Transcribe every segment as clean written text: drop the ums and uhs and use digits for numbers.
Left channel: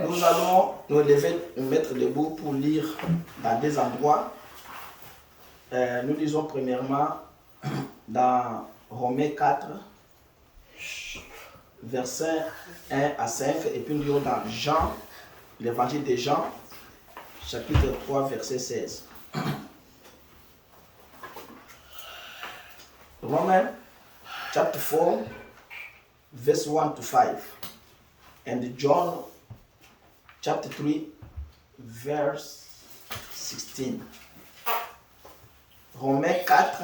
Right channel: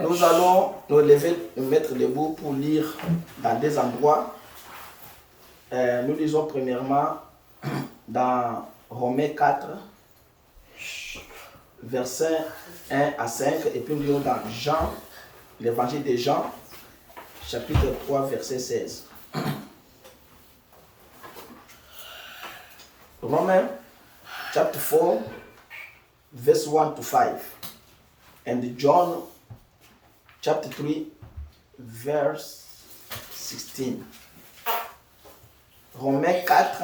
Nous allons nous lever, nous mettre debout pour lire dans des endroits. Nous lisons premièrement dans Romains 4, versets 1 à 5, et puis nous lisons dans Jean, l'évangile de Jean, chapitre 3, verset 16. Romans chapter 4, verse 1 to 5, and John chapter 3, verse 16. Romains 4,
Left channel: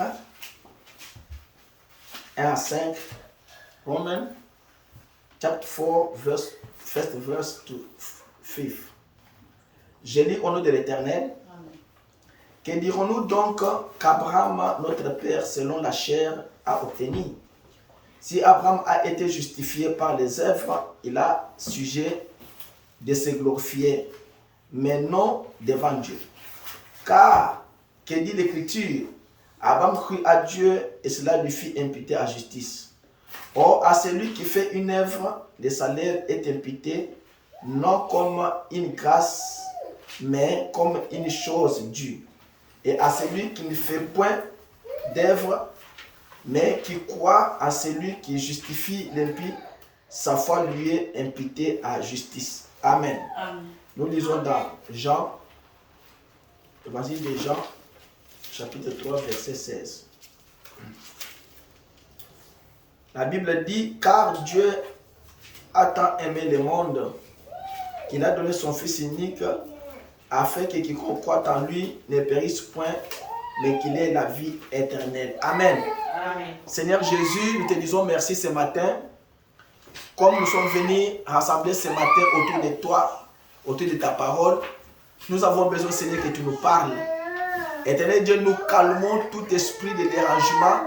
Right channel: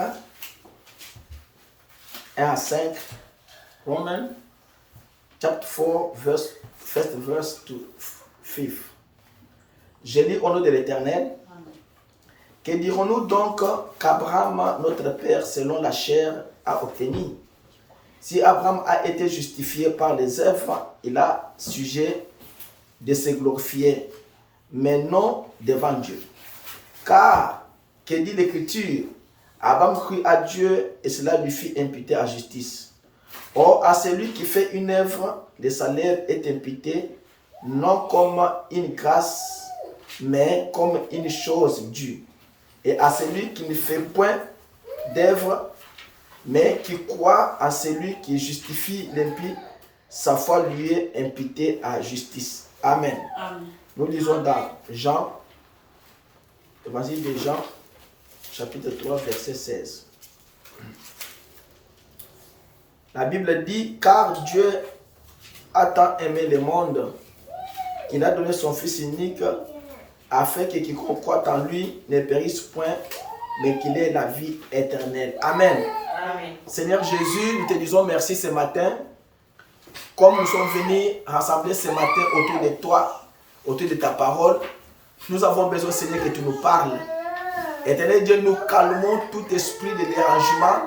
1 à 5. Romans chapter 4, first verse to 5. Je lis au nom de l'Éternel. Que dirons-nous donc qu'Abraham, notre père, selon la chair, a obtenu? Si Abraham a été justifié par les œuvres, il a sujet de se glorifier, mais non devant Dieu. Car, que dit l'Écriture? Abraham crut à Dieu et cela lui fit imputer à justice. Or, à celui qui fait une œuvre, le salaire est imputé, non comme une grâce, mais comme une chose due. Et à celui qui ne fait point d'œuvre, mais qui croit à celui qui justifie l'impie, sa foi lui est imputée à justice. Amen. Amen. Nous lisons dans Jean, l'évangile de Jean, chapitre 3, verset 16. La Bible dit, car Dieu a tant aimé le monde qu'il a donné son Fils unique, afin que quiconque croit en lui ne périsse point, mais qu'il ait la vie éternelle. Amen. Amen. Seigneur Jésus, nous te disons merci ce matin. Comme nous sommes venus rassembler ce matin autour de toi, autour de ta parole, nous avons besoin, Seigneur, que tu nous parles. Éternel Dieu, nous calmons tout esprit de dérangement,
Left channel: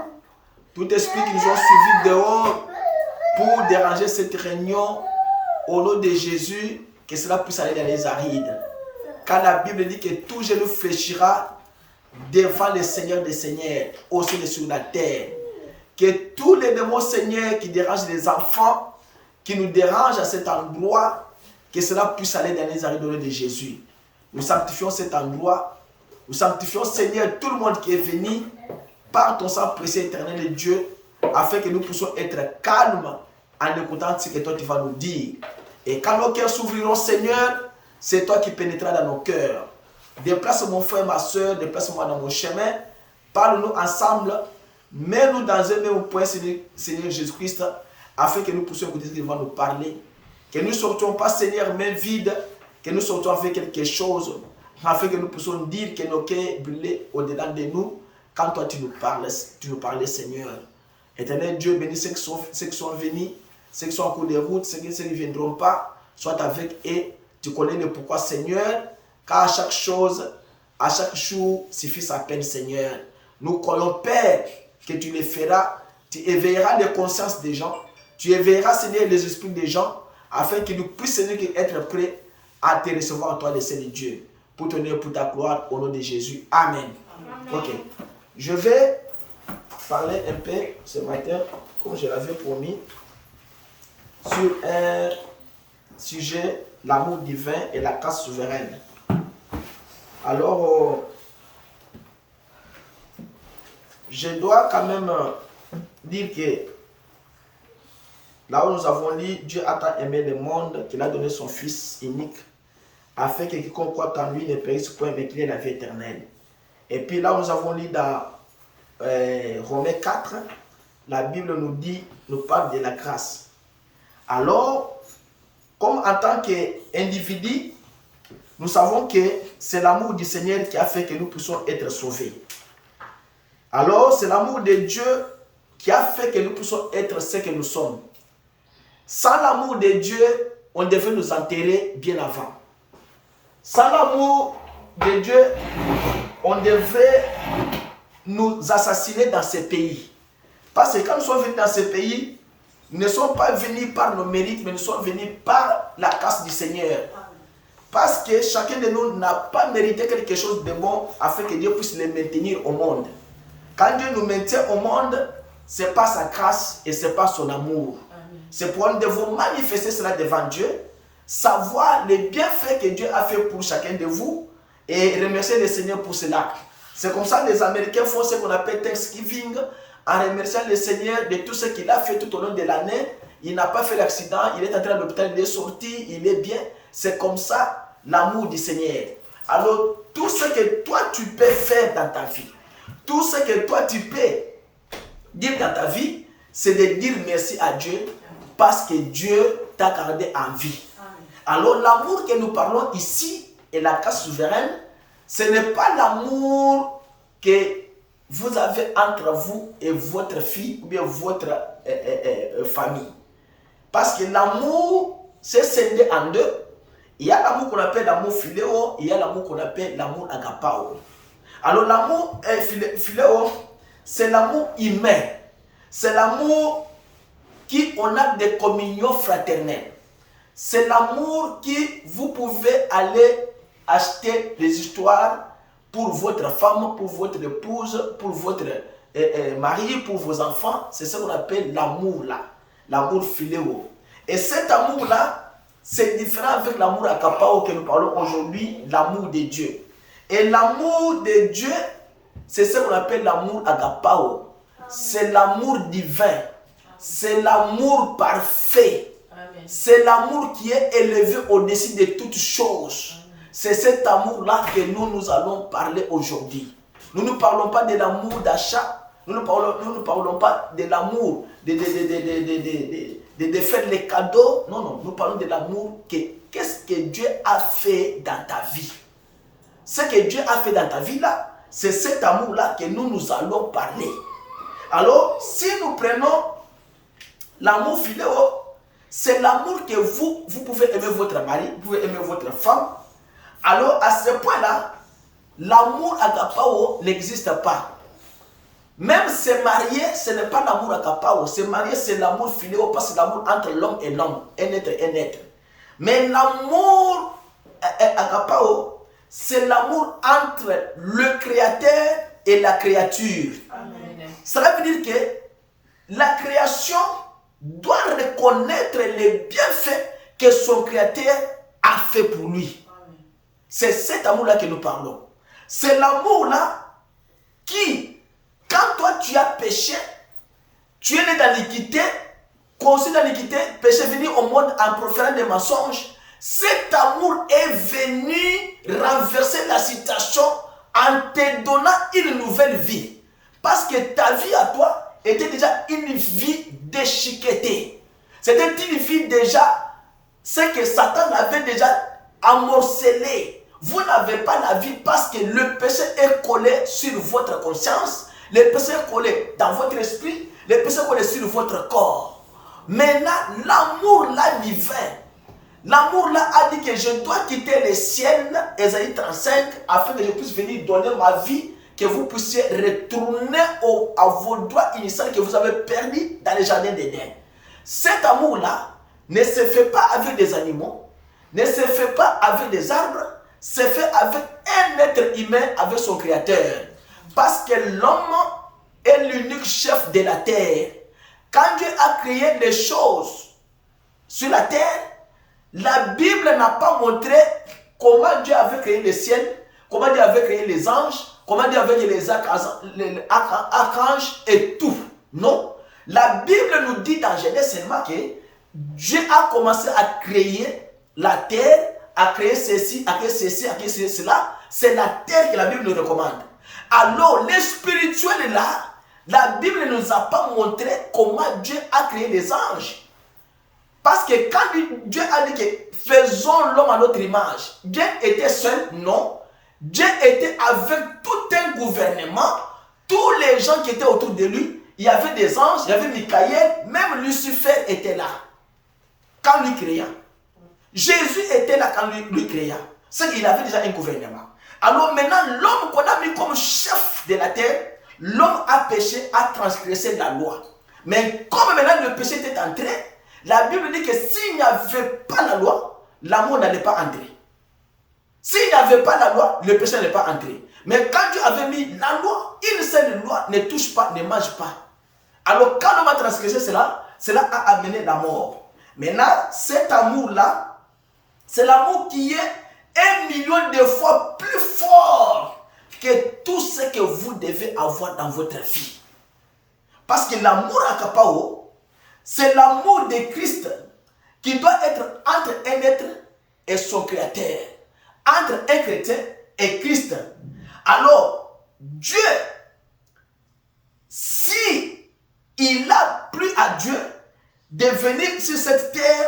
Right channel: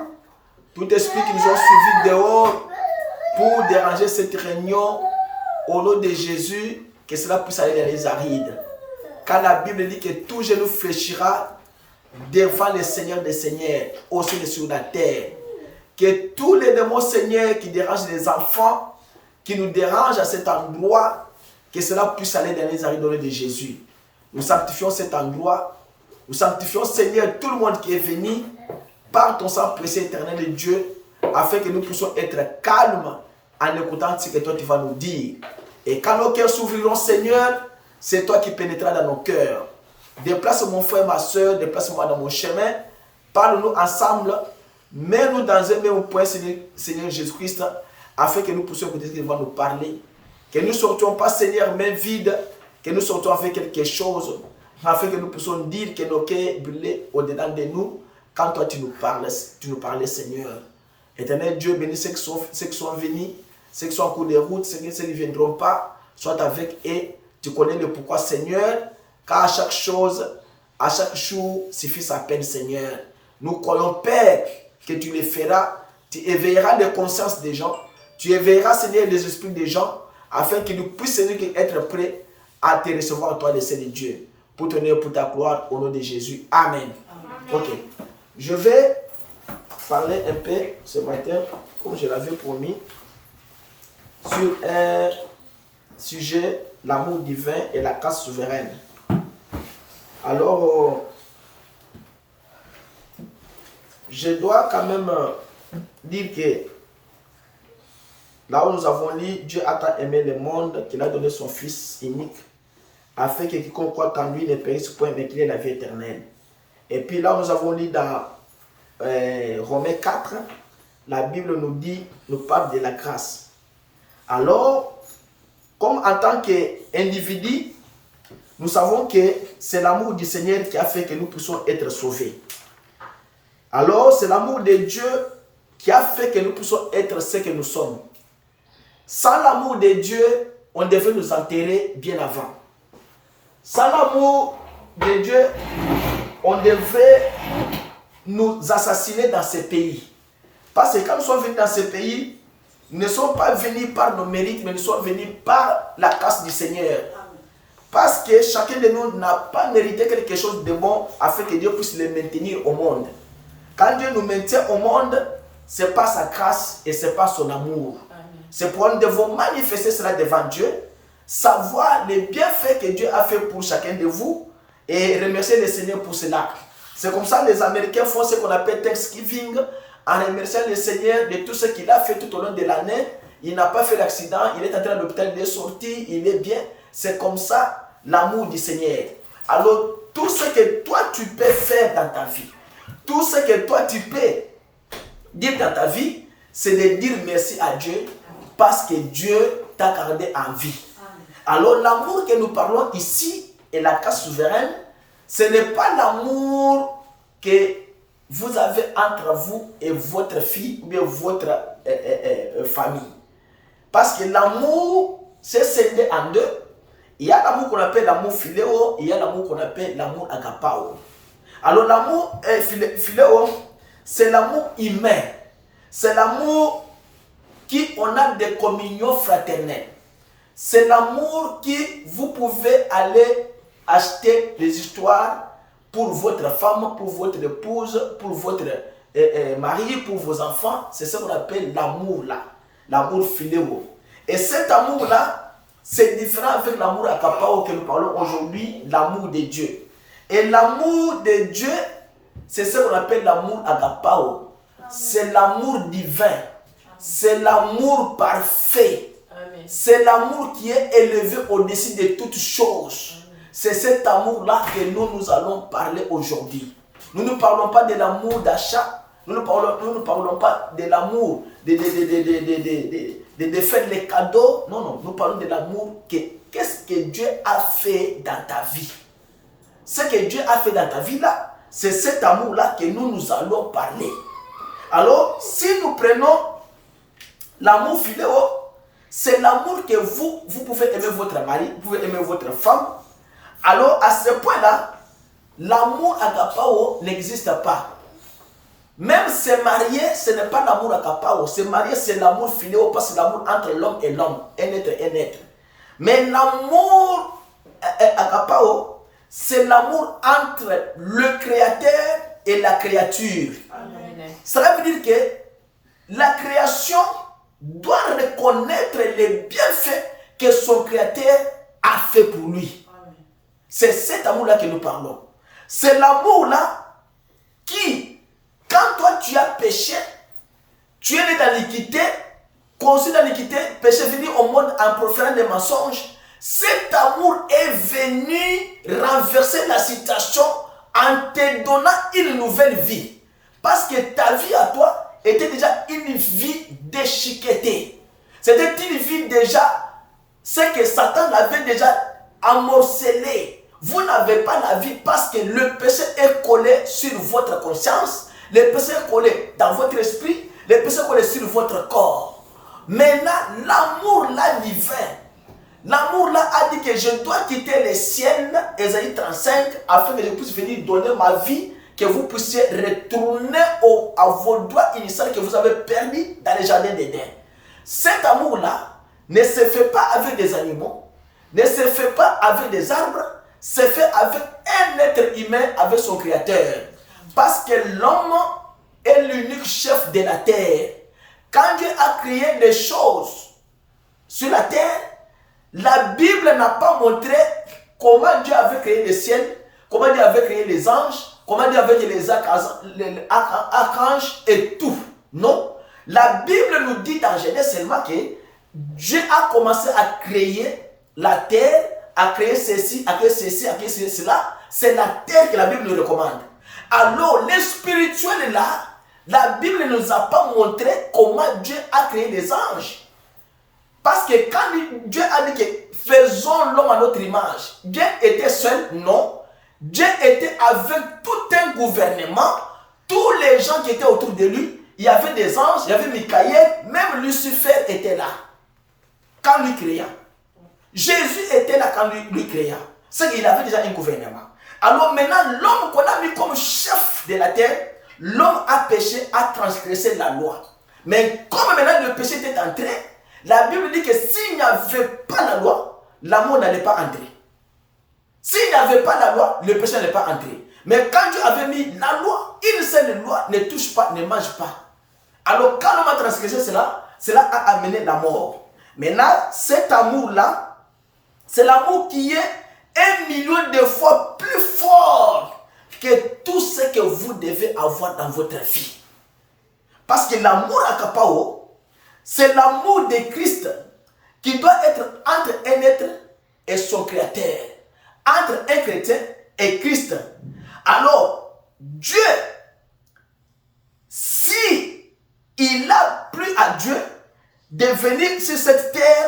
tout esprit qui nous ont suivis dehors pour déranger cette réunion. Au nom de Jésus, que cela puisse aller dans les arides. Car la Bible dit que tout genou fléchira devant le Seigneur des Seigneurs, aussi sur la terre. Que tous les démons, Seigneur, qui dérangent les enfants, qui nous dérangent à cet endroit, que cela puisse aller dans les arides au nom de Jésus. Nous sanctifions cet endroit. Nous sanctifions, Seigneur, tout le monde qui est venu par ton sang précieux éternel de Dieu, afin que nous puissions être calmes en écoutant ce que toi tu vas nous dire. Et quand nos cœurs s'ouvriront, Seigneur, c'est toi qui pénétras dans nos cœurs. Déplace mon frère, ma soeur, déplace-moi dans mon chemin. Parle-nous ensemble. Mets-nous dans un même point, Seigneur Jésus-Christ, afin que nous puissions écouter ce qu'il va nous parler. Que nous ne sortions pas, Seigneur, main vide, que nous sortions avec quelque chose, afin que nous puissions dire que nos cœurs brûlent au-dedans de nous, quand toi tu nous parles, Seigneur. Éternel Dieu, bénis ceux qui sont venus, ceux qui sont en cours de route, ceux qui ne viendront pas, sois avec eux. Tu connais le pourquoi, Seigneur, car à chaque chose, à chaque jour, suffit sa peine, Seigneur. Nous croyons, Père, que tu le feras. Tu éveilleras les consciences des gens. Tu éveilleras, Seigneur, les esprits des gens, afin qu'ils nous puissent, Seigneur, être prêts à te recevoir, toi, le Seigneur Dieu, pour ton honneur, pour ta gloire, au nom de Jésus. Amen. Amen. Ok. Je vais parler un peu ce matin, comme je l'avais promis, sur un sujet, l'amour divin et la grâce souveraine. Alors, je dois quand même dire que là où nous avons lu, Dieu a tant aimé le monde qu'il a donné son Fils unique, afin que quiconque croit en lui ne périsse point, mais qu'il ait la vie éternelle. Et puis là où nous avons lu dans Romains 4, la Bible nous parle de la grâce. Alors, comme en tant qu'individu, nous savons que c'est l'amour du Seigneur qui a fait que nous puissions être sauvés. Alors, c'est l'amour de Dieu qui a fait que nous puissions être ce que nous sommes. Sans l'amour de Dieu, on devait nous enterrer bien avant. Sans l'amour de Dieu, on devait nous assassiner dans ce pays. Parce que quand nous sommes venus dans ce pays, nous ne sommes pas venus par nos mérites, mais nous sommes venus par la grâce du Seigneur. Parce que chacun de nous n'a pas mérité quelque chose de bon afin que Dieu puisse le maintenir au monde. Quand Dieu nous maintient au monde, ce n'est pas sa grâce et ce n'est pas son amour. C'est pourquoi nous devons manifester cela devant Dieu. savoir les bienfaits que Dieu a fait pour chacun de vous et remercier le Seigneur pour cela. C'est comme ça que les Américains font ce qu'on appelle Thanksgiving, en remerciant le Seigneur de tout ce qu'il a fait tout au long de l'année. Il n'a pas fait l'accident, il est entré à l'hôpital, il est sorti, il est bien. C'est comme ça l'amour du Seigneur. Alors, tout ce que toi tu peux faire dans ta vie, tout ce que toi tu peux dire dans ta vie, c'est de dire merci à Dieu parce que Dieu t'a gardé en vie. Alors, l'amour que nous parlons ici est la grâce souveraine. Ce n'est pas l'amour que vous avez entre vous et votre fille ou bien votre famille. Parce que l'amour, c'est scindé en deux. Il y a l'amour qu'on appelle l'amour philéo, il y a l'amour qu'on appelle l'amour agapao. Alors l'amour philéo, c'est l'amour humain. C'est l'amour qui on a des communions fraternelles. C'est l'amour qui vous pouvez aller acheter les histoires pour votre femme, pour votre épouse, pour votre mari, pour vos enfants. C'est ce qu'on appelle l'amour là, l'amour philéo. Et cet amour là, c'est différent avec l'amour agapao que nous parlons aujourd'hui, l'amour de Dieu. Et l'amour de Dieu, c'est ce qu'on appelle l'amour agapao. C'est l'amour divin. C'est l'amour parfait. C'est l'amour qui est élevé au-dessus de toutes choses. C'est cet amour-là que nous allons parler aujourd'hui. Nous ne parlons pas de l'amour d'achat. Nous ne parlons pas de l'amour de faire les cadeaux. Non, non. Nous parlons de l'amour. Qu'est-ce que Dieu a fait dans ta vie? Ce que Dieu a fait dans ta vie là, c'est cet amour-là que nous allons parler. Alors, si nous prenons l'amour philéo, c'est l'amour que vous pouvez aimer votre mari, vous pouvez aimer votre femme. Alors, à ce point-là, l'amour agapao n'existe pas. Même se marier, ce n'est pas l'amour agapao. Se marier, c'est l'amour philéo, parce que c'est l'amour entre l'homme et l'homme, un être et un être. Mais l'amour agapao, c'est l'amour entre le créateur et la créature. Amen. Cela veut dire que la création doit reconnaître les bienfaits que son créateur a fait pour lui. C'est cet amour-là que nous parlons. C'est l'amour-là qui, quand toi tu as péché, tu es né dans l'iniquité, conçu dans l'iniquité, péché venu au monde en proférant des mensonges. Cet amour est venu renverser la situation en te donnant une nouvelle vie. Parce que ta vie à toi était déjà une vie déchiquetée. C'était une vie déjà, c'est que Satan avait déjà amorcelé. Vous n'avez pas la vie parce que le péché est collé sur votre conscience, le péché est collé dans votre esprit, le péché est collé sur votre corps. Maintenant, l'amour là divin, l'amour là a dit que je dois quitter le ciel, Ésaïe 35, afin que je puisse venir donner ma vie, que vous puissiez retourner à vos droits initiaux que vous avez perdus dans le jardin d'Éden. Cet amour là ne se fait pas avec des animaux, ne se fait pas avec des arbres, se fait avec un être humain, avec son créateur. Parce que l'homme est l'unique chef de la terre. Quand Dieu a créé les choses sur la terre, la Bible n'a pas montré comment Dieu avait créé le ciel, comment Dieu avait créé les anges, comment Dieu avait créé les archanges et tout. Non. La Bible nous dit dans Genèse seulement que Dieu a commencé à créer la terre, à créer ceci, à créer ceci, à créer cela. C'est la terre que la Bible nous recommande. Alors, les spirituels là, la Bible ne nous a pas montré comment Dieu a créé les anges. Parce que quand Dieu a dit que faisons l'homme à notre image, Dieu était seul? Non. Dieu était avec tout un gouvernement, tous les gens qui étaient autour de lui. Il y avait des anges, il y avait Michael, même Lucifer était là. Quand lui créa. Jésus était là quand lui créa. C'est qu'il avait déjà un gouvernement. Alors maintenant, l'homme qu'on a mis comme chef de la terre, l'homme a péché, a transgressé la loi. Mais comme maintenant le péché était entré, la Bible dit que s'il n'y avait pas la loi, l'amour n'allait pas entrer. S'il n'y avait pas la loi, le péché n'allait pas entrer. Mais quand Dieu avait mis la loi, une seule loi, ne touche pas, ne mange pas. Alors quand l'homme a transgressé cela, cela a amené la mort. Maintenant, cet amour-là C'est l'amour qui est 1 million de fois plus fort que tout ce que vous devez avoir dans votre vie. Parce que l'amour agapao, c'est l'amour de Christ qui doit être entre un être et son créateur. Entre un chrétien et Christ. Alors, Dieu, si il a plu à Dieu de venir sur cette terre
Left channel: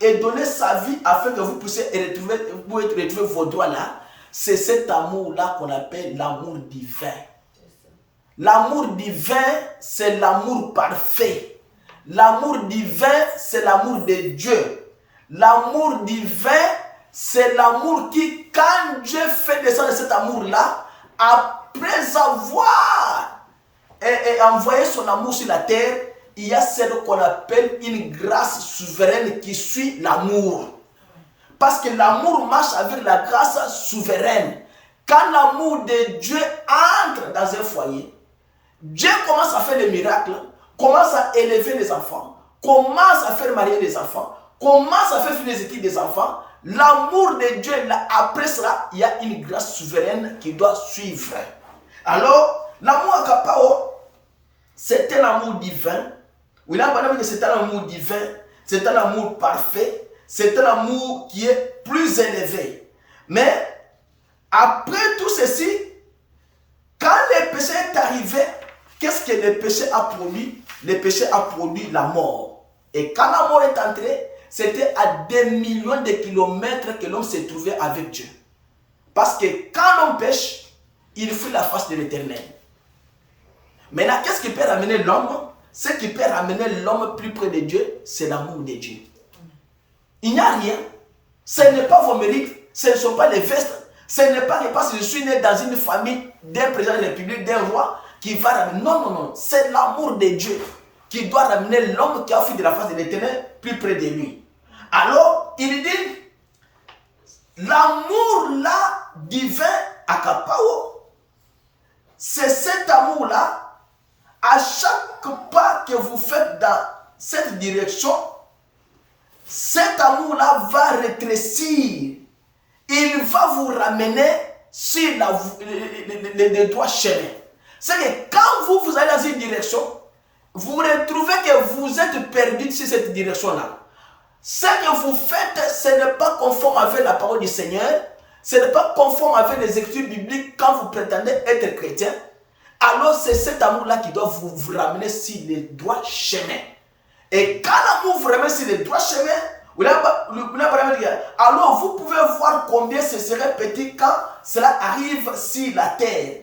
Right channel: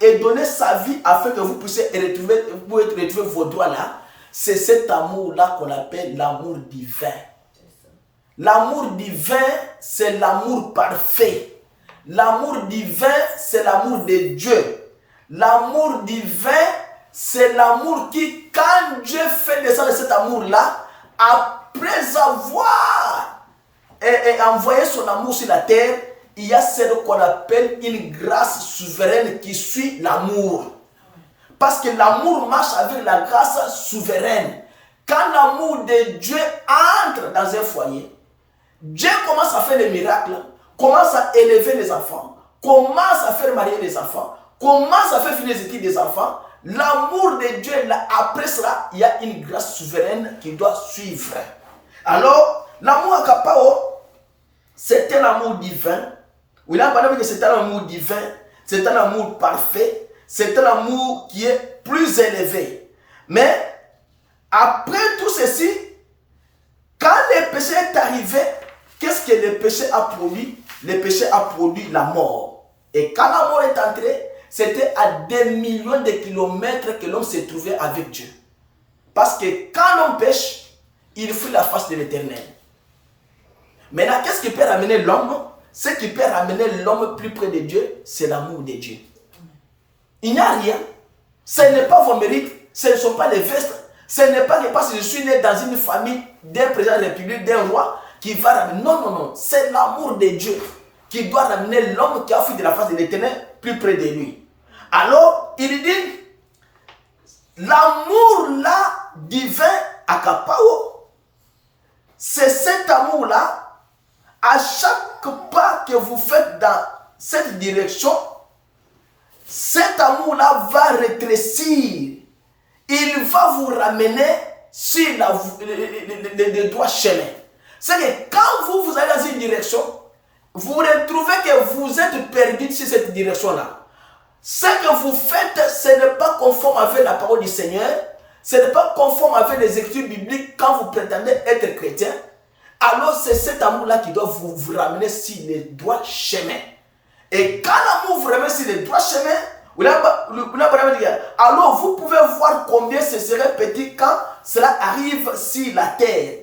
et donner sa vie afin que vous puissiez retrouver vos droits là, c'est cet amour-là qu'on appelle l'amour divin. L'amour divin, c'est l'amour parfait. L'amour divin, c'est l'amour de Dieu. L'amour divin, c'est l'amour qui, quand Dieu fait descendre cet amour-là, après avoir envoyé son amour sur la terre, il y a ce qu'on appelle une grâce souveraine qui suit l'amour. Parce que l'amour marche avec la grâce souveraine. Quand l'amour de Dieu entre dans un foyer, Dieu commence à faire des miracles, commence à élever les enfants, commence à faire marier les enfants, commence à faire finir les études des enfants. L'amour de Dieu, là, après cela, il y a une grâce souveraine qui doit suivre. Alors, l'amour agapao, c'est un amour divin. Oui, là, c'est un amour divin, c'est un amour parfait, c'est un amour qui est plus élevé. Mais, après tout ceci, quand le péché est arrivé, qu'est-ce que le péché a produit? Le péché a produit la mort. Et quand la mort est entrée, c'était à des millions de kilomètres que l'homme s'est trouvé avec Dieu. Parce que quand l'homme pêche, il fuit la face de l'Éternel. Maintenant, qu'est-ce qui peut ramener l'homme? Ce qui peut ramener l'homme plus près de Dieu, c'est l'amour de Dieu. Il n'y a rien. Ce n'est pas vos mérites, ce ne sont pas les vestes, ce n'est pas que parce que je suis né dans une famille d'un président de la République, d'un roi, qui va ramener. Non, non, non. C'est l'amour de Dieu qui doit ramener l'homme qui a fui de la face de l'Éternel plus près de lui. Alors, il dit, l'amour là, divin, agapao, c'est cet amour-là, à chaque pas que vous faites dans cette direction, cet amour-là va rétrécir. Il va vous ramener sur le droit chemin. C'est que quand vous allez dans une direction, vous retrouvez que vous êtes perdu sur cette direction-là. Ce que vous faites, ce n'est pas conforme avec la parole du Seigneur. Ce n'est pas conforme avec les écritures bibliques quand vous prétendez être chrétien. Alors c'est cet amour-là qui doit vous ramener sur le droit chemin. Et quand l'amour vous ramène sur le droit chemin, alors vous pouvez voir combien ce serait petit quand cela arrive sur la terre.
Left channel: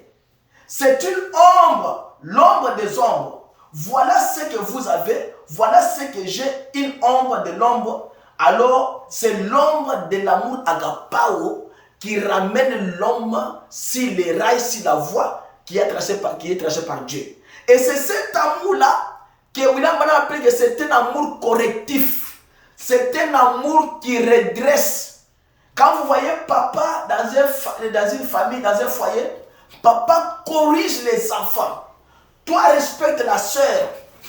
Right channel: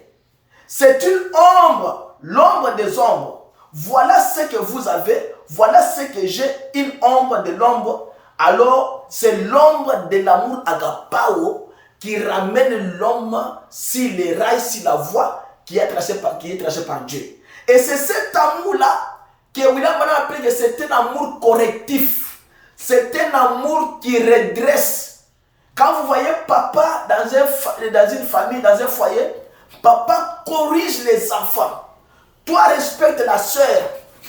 C'est une ombre, l'ombre des ombres. Voilà ce que vous avez, voilà ce que j'ai, une ombre de l'ombre. Alors, c'est l'ombre de l'amour agapao qui ramène l'homme sur les rails, sur la voie qui est tracée par Dieu. Et c'est cet amour-là que William Branham appelle que c'est un amour correctif. C'est un amour qui redresse. Quand vous voyez papa dans une famille, dans un foyer, papa corrige les enfants. Toi, respecte la soeur.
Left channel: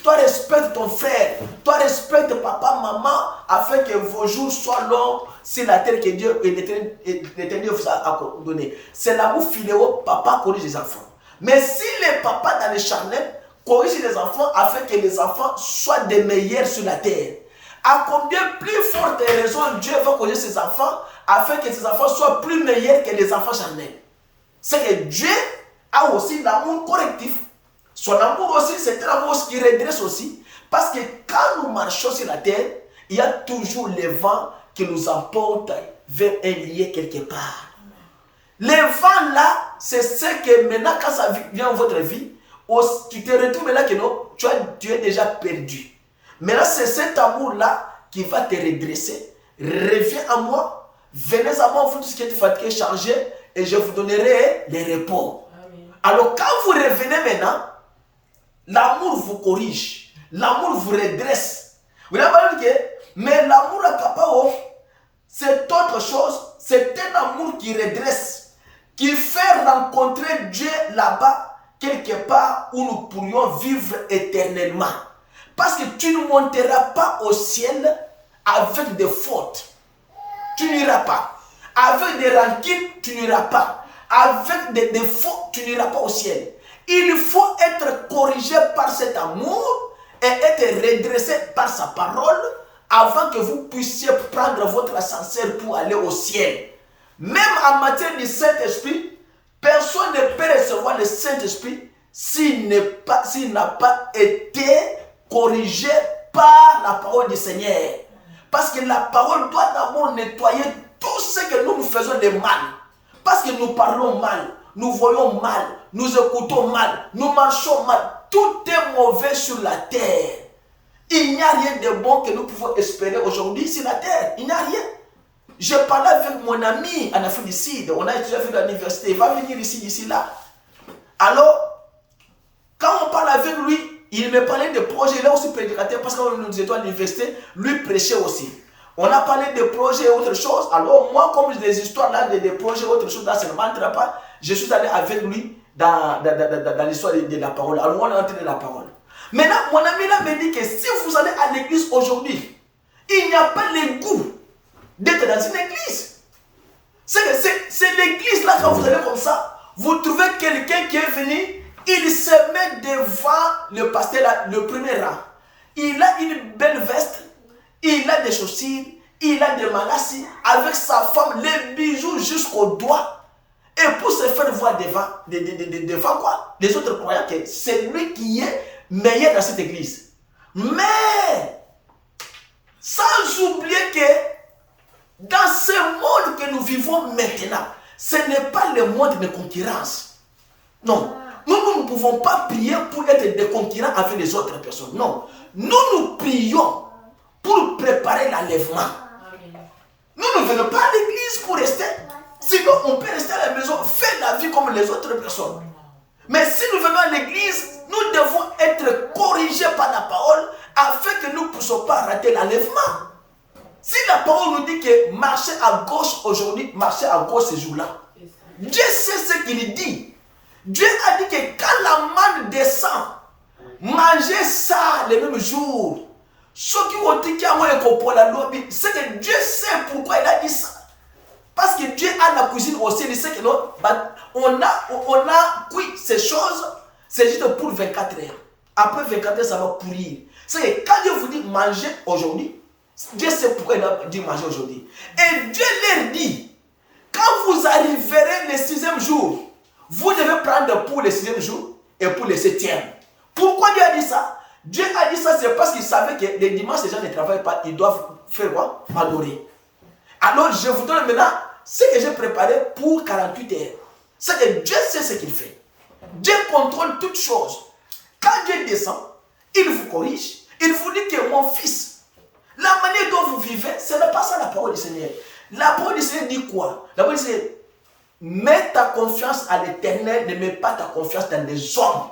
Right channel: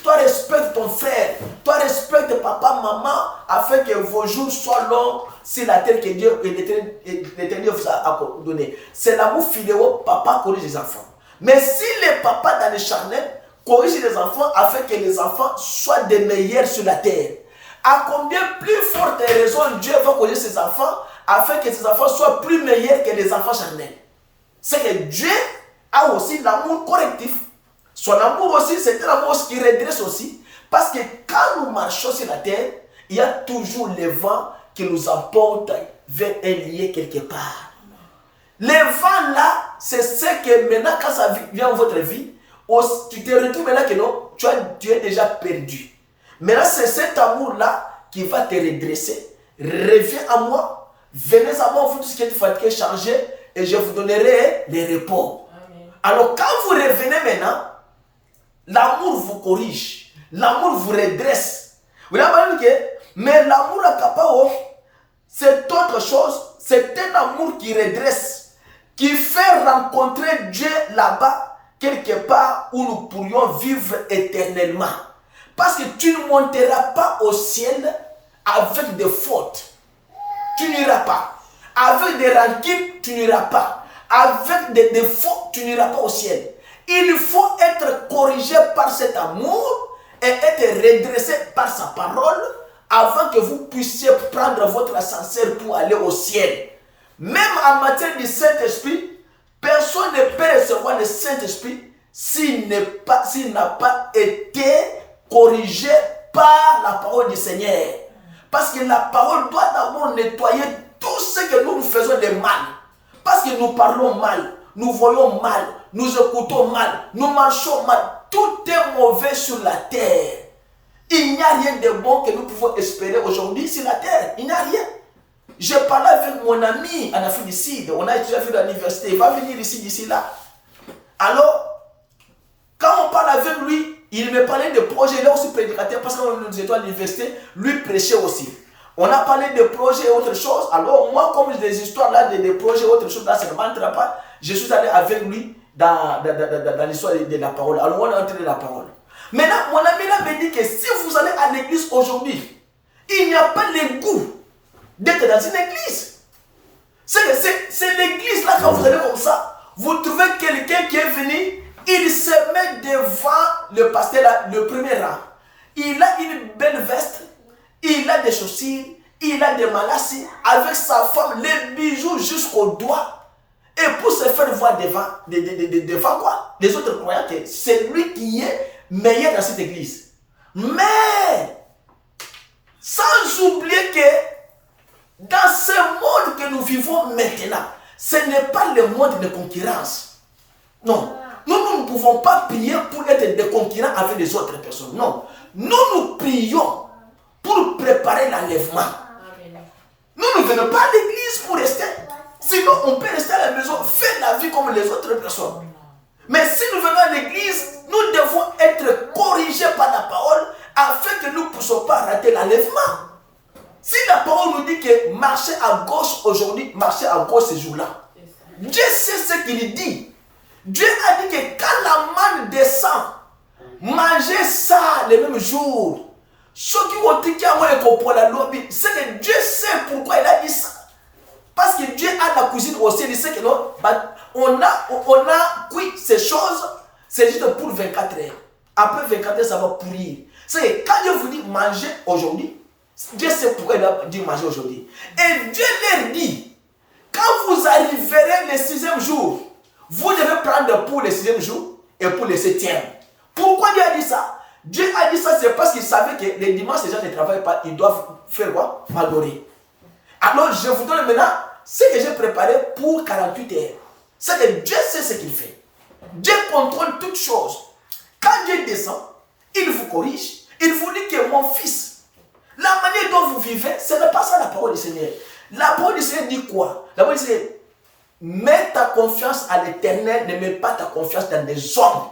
Toi, respecte ton frère. Toi, respecte papa, maman, afin que vos jours soient longs sur la terre que Dieu et l'Éternel vous a donné. C'est l'amour fidéo, papa corrige les enfants. Mais si les papas dans les charnets corrigent les enfants afin que les enfants soient des meilleurs sur la terre, à combien plus forte raison Dieu va corriger ses enfants afin que ses enfants soient plus meilleurs que les enfants charnels? C'est que Dieu a aussi l'amour correctif. Son amour aussi, c'est un amour qui redresse aussi. Parce que quand nous marchons sur la terre, il y a toujours le vent qui nous emporte vers un lieu quelque part. Le vent là, c'est ce que maintenant, quand ça vient dans votre vie, tu te retrouves là que non, tu es déjà perdu. Maintenant, c'est cet amour-là qui va te redresser. Reviens à moi, venez à moi, vous tous qui êtes fatigués, chargés, et je vous donnerai les repos. Amen. Alors, quand vous revenez maintenant, l'amour vous corrige, l'amour vous redresse. Vous avez dit que, mais l'amour agapao, c'est autre chose, c'est un amour qui redresse, qui fait rencontrer Dieu là-bas, quelque part où nous pourrions vivre éternellement. Parce que tu ne monteras pas au ciel avec des fautes. tu n'iras pas. Avec des rancunes, tu n'iras pas. Avec des défauts, tu n'iras pas au ciel. Il faut être corrigé par cet amour et être redressé par sa parole avant que vous puissiez prendre votre ascenseur pour aller au ciel. Même en matière du Saint-Esprit, personne ne peut recevoir le Saint-Esprit s'il n'a pas été corrigé par la parole du Seigneur. Parce que la parole doit d'abord nettoyer tout ce que nous faisons de mal. Parce que nous parlons mal, nous voyons mal, nous écoutons mal, nous marchons mal. Tout est mauvais sur la terre. Il n'y a rien de bon que nous pouvons espérer aujourd'hui sur la terre. Il n'y a rien. Je parlais avec mon ami en Afrique du Sud. On a étudié à l'université. Il va venir ici, d'ici là. Alors, quand on parle avec lui, il me parlait de projets. Il est aussi prédicateur parce que nous étions à l'université. Lui prêchait aussi. On a parlé de projets et autre chose. Alors, moi, comme des histoires là, de projets et autre chose, là, ça ne m'entre pas. Je suis allé avec lui dans l'histoire de la parole. Alors, on a entendu la parole. Maintenant, mon ami là me dit que si vous allez à l'église aujourd'hui, il n'y a pas le goût d'être dans une église. C'est l'église là, quand vous allez comme ça, vous trouvez quelqu'un qui est venu, il se met devant le pasteur là, le premier rang. Il a une belle veste, il a des chaussures, il a des malassis, avec sa femme, les bijoux jusqu'au doigt. Et pour se faire voir devant quoi? Les autres croyants que c'est lui qui est meilleur dans cette église. Mais, sans oublier que dans ce monde que nous vivons maintenant, ce n'est pas le monde de concurrence. Non. Nous ne pouvons pas prier pour être des concurrents avec les autres personnes. Non. Nous prions pour préparer l'enlèvement. Nous ne venons pas à l'église pour rester. Sinon, on peut rester à la maison, faire la vie comme les autres personnes. Mais si nous venons à l'église, nous devons être corrigés par la parole afin que nous ne puissions pas rater l'enlèvement. Si la parole nous dit que marcher à gauche aujourd'hui, marcher à gauche ce jour-là, Dieu sait ce qu'il dit. Dieu a dit que quand la manne descend, mangez ça le même jour. Ceux qui ont dit qu'il y a un pour la lobby, c'est que Dieu sait pourquoi il a dit ça. Parce que Dieu a la cuisine aussi, il sait que non, on a cuit ces choses, c'est juste pour 24 heures. Après 24 heures, ça va pourrir. C'est que quand Dieu vous dit manger aujourd'hui, Dieu sait pourquoi il a dit manger aujourd'hui. Et Dieu leur dit, quand vous arriverez le 6e jour, vous devez prendre pour le 6e jour et pour le 7e. Pourquoi Dieu a dit ça? Dieu a dit ça, c'est parce qu'il savait que les dimanches, les gens ne travaillent pas, ils doivent faire quoi? M'adorer. Alors, je vous donne maintenant ce que j'ai préparé pour 48 heures. C'est que Dieu sait ce qu'il fait. Dieu contrôle toutes choses. Quand Dieu descend, il vous corrige. Il vous dit que mon fils, la manière dont vous vivez, ce n'est pas ça la parole du Seigneur. La parole du Seigneur dit quoi? La parole du Seigneur, mets ta confiance à l'Éternel, ne mets pas ta confiance dans des hommes.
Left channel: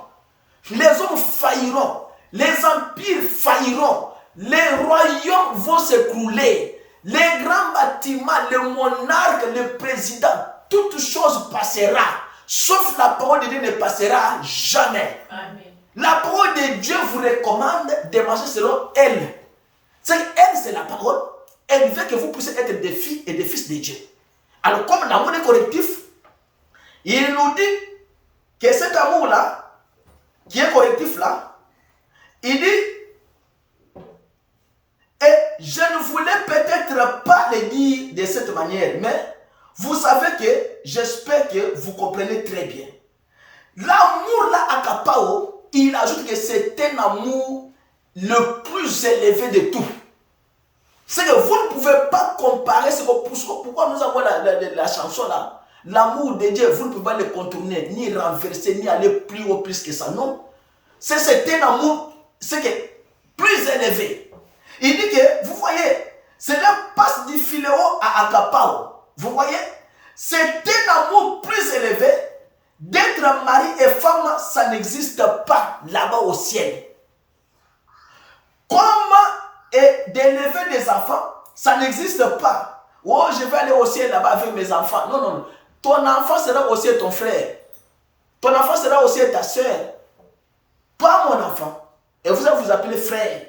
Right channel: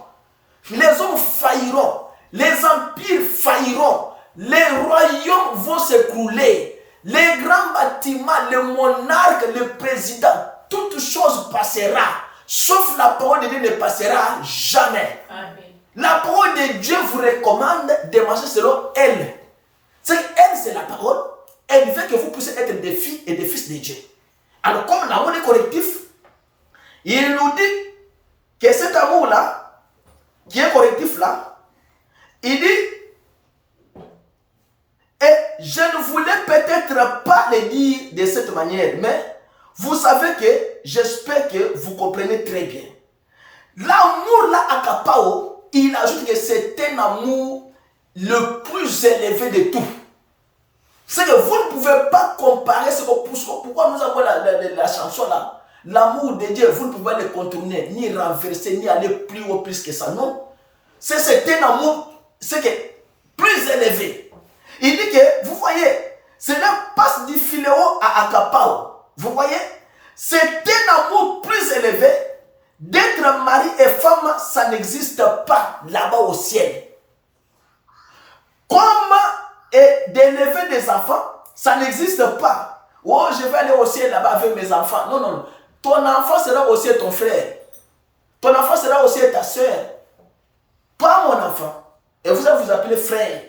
Les hommes failliront, les empires failliront, les royaumes vont s'écrouler. Les grands bâtiments, le monarque, le président, toute chose passera. Sauf la parole de Dieu ne passera jamais. Amen. La parole de Dieu vous recommande de marcher selon elle. C'est qu'elle, c'est la parole. Elle veut que vous puissiez être des filles et des fils de Dieu. Alors, comme l'amour est correctif, il nous dit que cet amour-là, qui est correctif là, il dit, et je ne voulais peut-être pas le dire de cette manière, mais vous savez que j'espère que vous comprenez très bien. L'amour là à Agapao, il ajoute que c'est un amour le plus élevé de tout. C'est que vous ne pouvez pas comparer ce que, pourquoi nous avons la chanson là. L'amour de Dieu, vous ne pouvez pas le contourner, ni renverser, ni aller plus haut plus que ça. Non. C'est un amour, c'est que plus élevé. Il dit que, vous voyez, cela passe du Philéo à Agapao. Vous voyez, c'est un amour plus élevé. D'être mari et femme, ça n'existe pas là-bas au ciel. Comme d'élever des enfants, ça n'existe pas. Oh, je vais aller au ciel là-bas avec mes enfants. Non, non, non. Ton enfant sera aussi ton frère. Ton enfant sera aussi ta soeur. Pas mon enfant. Et vous allez vous appeler frère.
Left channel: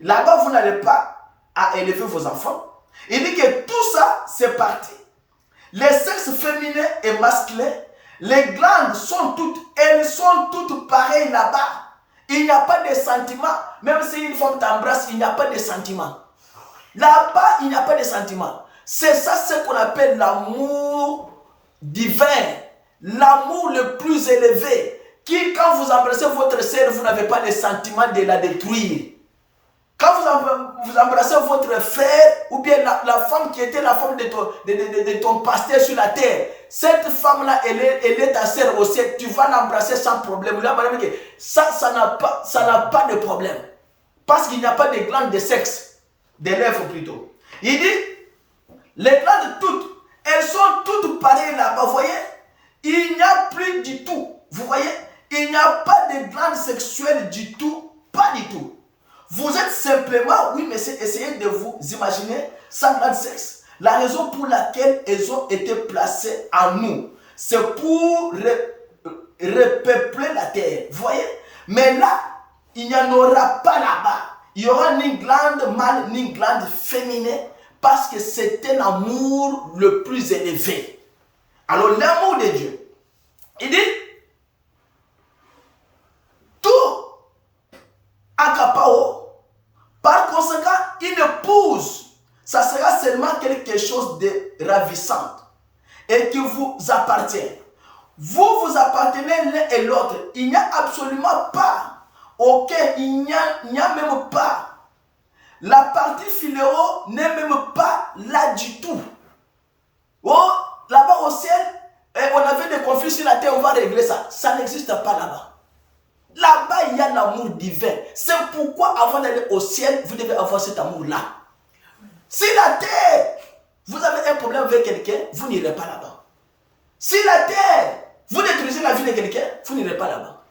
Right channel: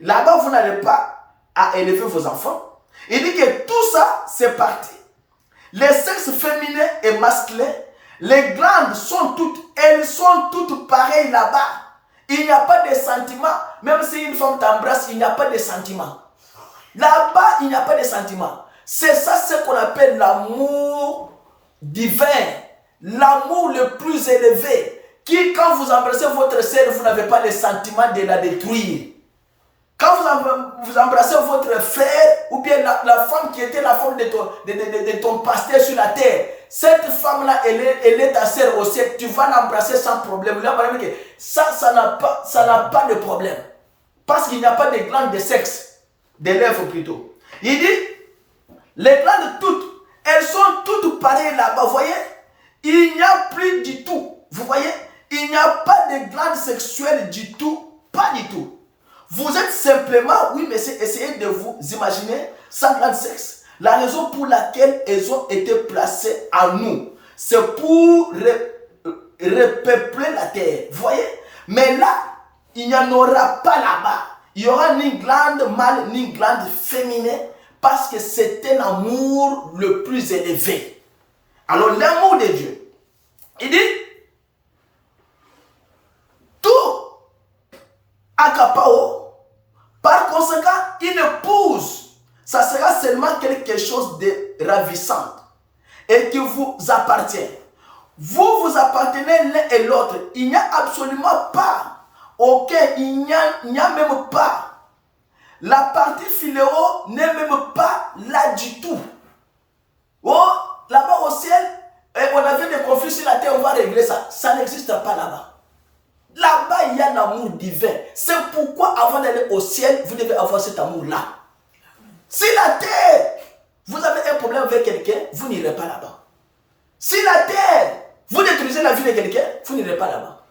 Là-bas, vous n'allez pas à élever vos enfants. Il dit que tout ça, c'est parti. Les sexes féminins et masculins, les glandes elles sont toutes pareilles là-bas. Il n'y a pas de sentiments. Même si une femme t'embrasse, il n'y a pas de sentiments. Là-bas, il n'y a pas de sentiments. C'est ça ce qu'on appelle l'amour divin. L'amour le plus élevé. Qui, quand vous embrassez votre sœur, vous n'avez pas de sentiment de la détruire. Quand vous embrassez votre frère, ou bien la femme qui était la femme de ton pasteur sur la terre, cette femme-là, elle est ta sœur au ciel, tu vas l'embrasser sans problème. Ça n'a pas de problème. Parce qu'il n'y a pas de glandes de sexe, des lèvres plutôt. Il dit, les glandes toutes, elles sont toutes pareilles là-bas, vous voyez? Il n'y a plus du tout, vous voyez? Il n'y a pas de glandes sexuelles du tout, pas du tout. Vous êtes simplement, oui, mais essayez de vous imaginer sans grand sexe. La raison pour laquelle elles ont été placées en nous, c'est pour repeupler la terre. Vous voyez? Mais là, il n'y en aura pas là-bas. Il n'y aura ni glande mâle, ni glande féminin, parce que c'est un amour le plus élevé. Alors, l'amour de Dieu, il dit, tout akapao. Par conséquent, une épouse, ça sera seulement quelque chose de ravissant et qui vous appartient. Vous vous appartenez l'un et l'autre. Il n'y a absolument pas, il n'y a même pas. La partie philéo n'est même pas là du tout. Oh, là-bas au ciel, on avait des conflits sur la terre, on va régler ça. Ça n'existe pas là-bas. Là-bas, il y a l'amour divin. C'est pourquoi, avant d'aller au ciel, vous devez avoir cet amour-là. Si la terre, vous avez un problème avec quelqu'un, vous n'irez pas là-bas. Si la terre, vous détruisez la vie de quelqu'un, vous n'irez pas là-bas.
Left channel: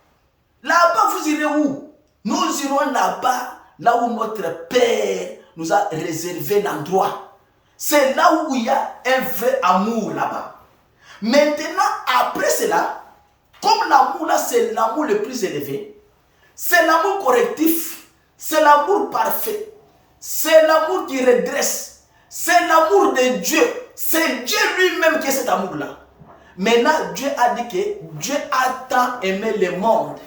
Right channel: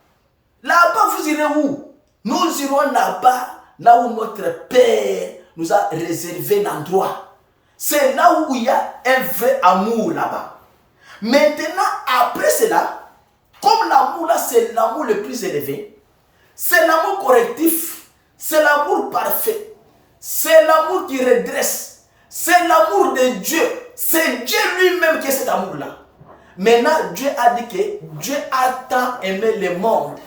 Là-bas, vous irez où? Nous irons là-bas, là où notre Père nous a réservé l'endroit. C'est là où il y a un vrai amour là-bas. Maintenant, après cela, comme l'amour là, c'est l'amour le plus élevé, c'est l'amour correctif, c'est l'amour parfait, c'est l'amour qui redresse, c'est l'amour de Dieu, c'est Dieu lui-même qui est cet amour-là. Maintenant, Dieu a dit que Dieu a tant aimé le monde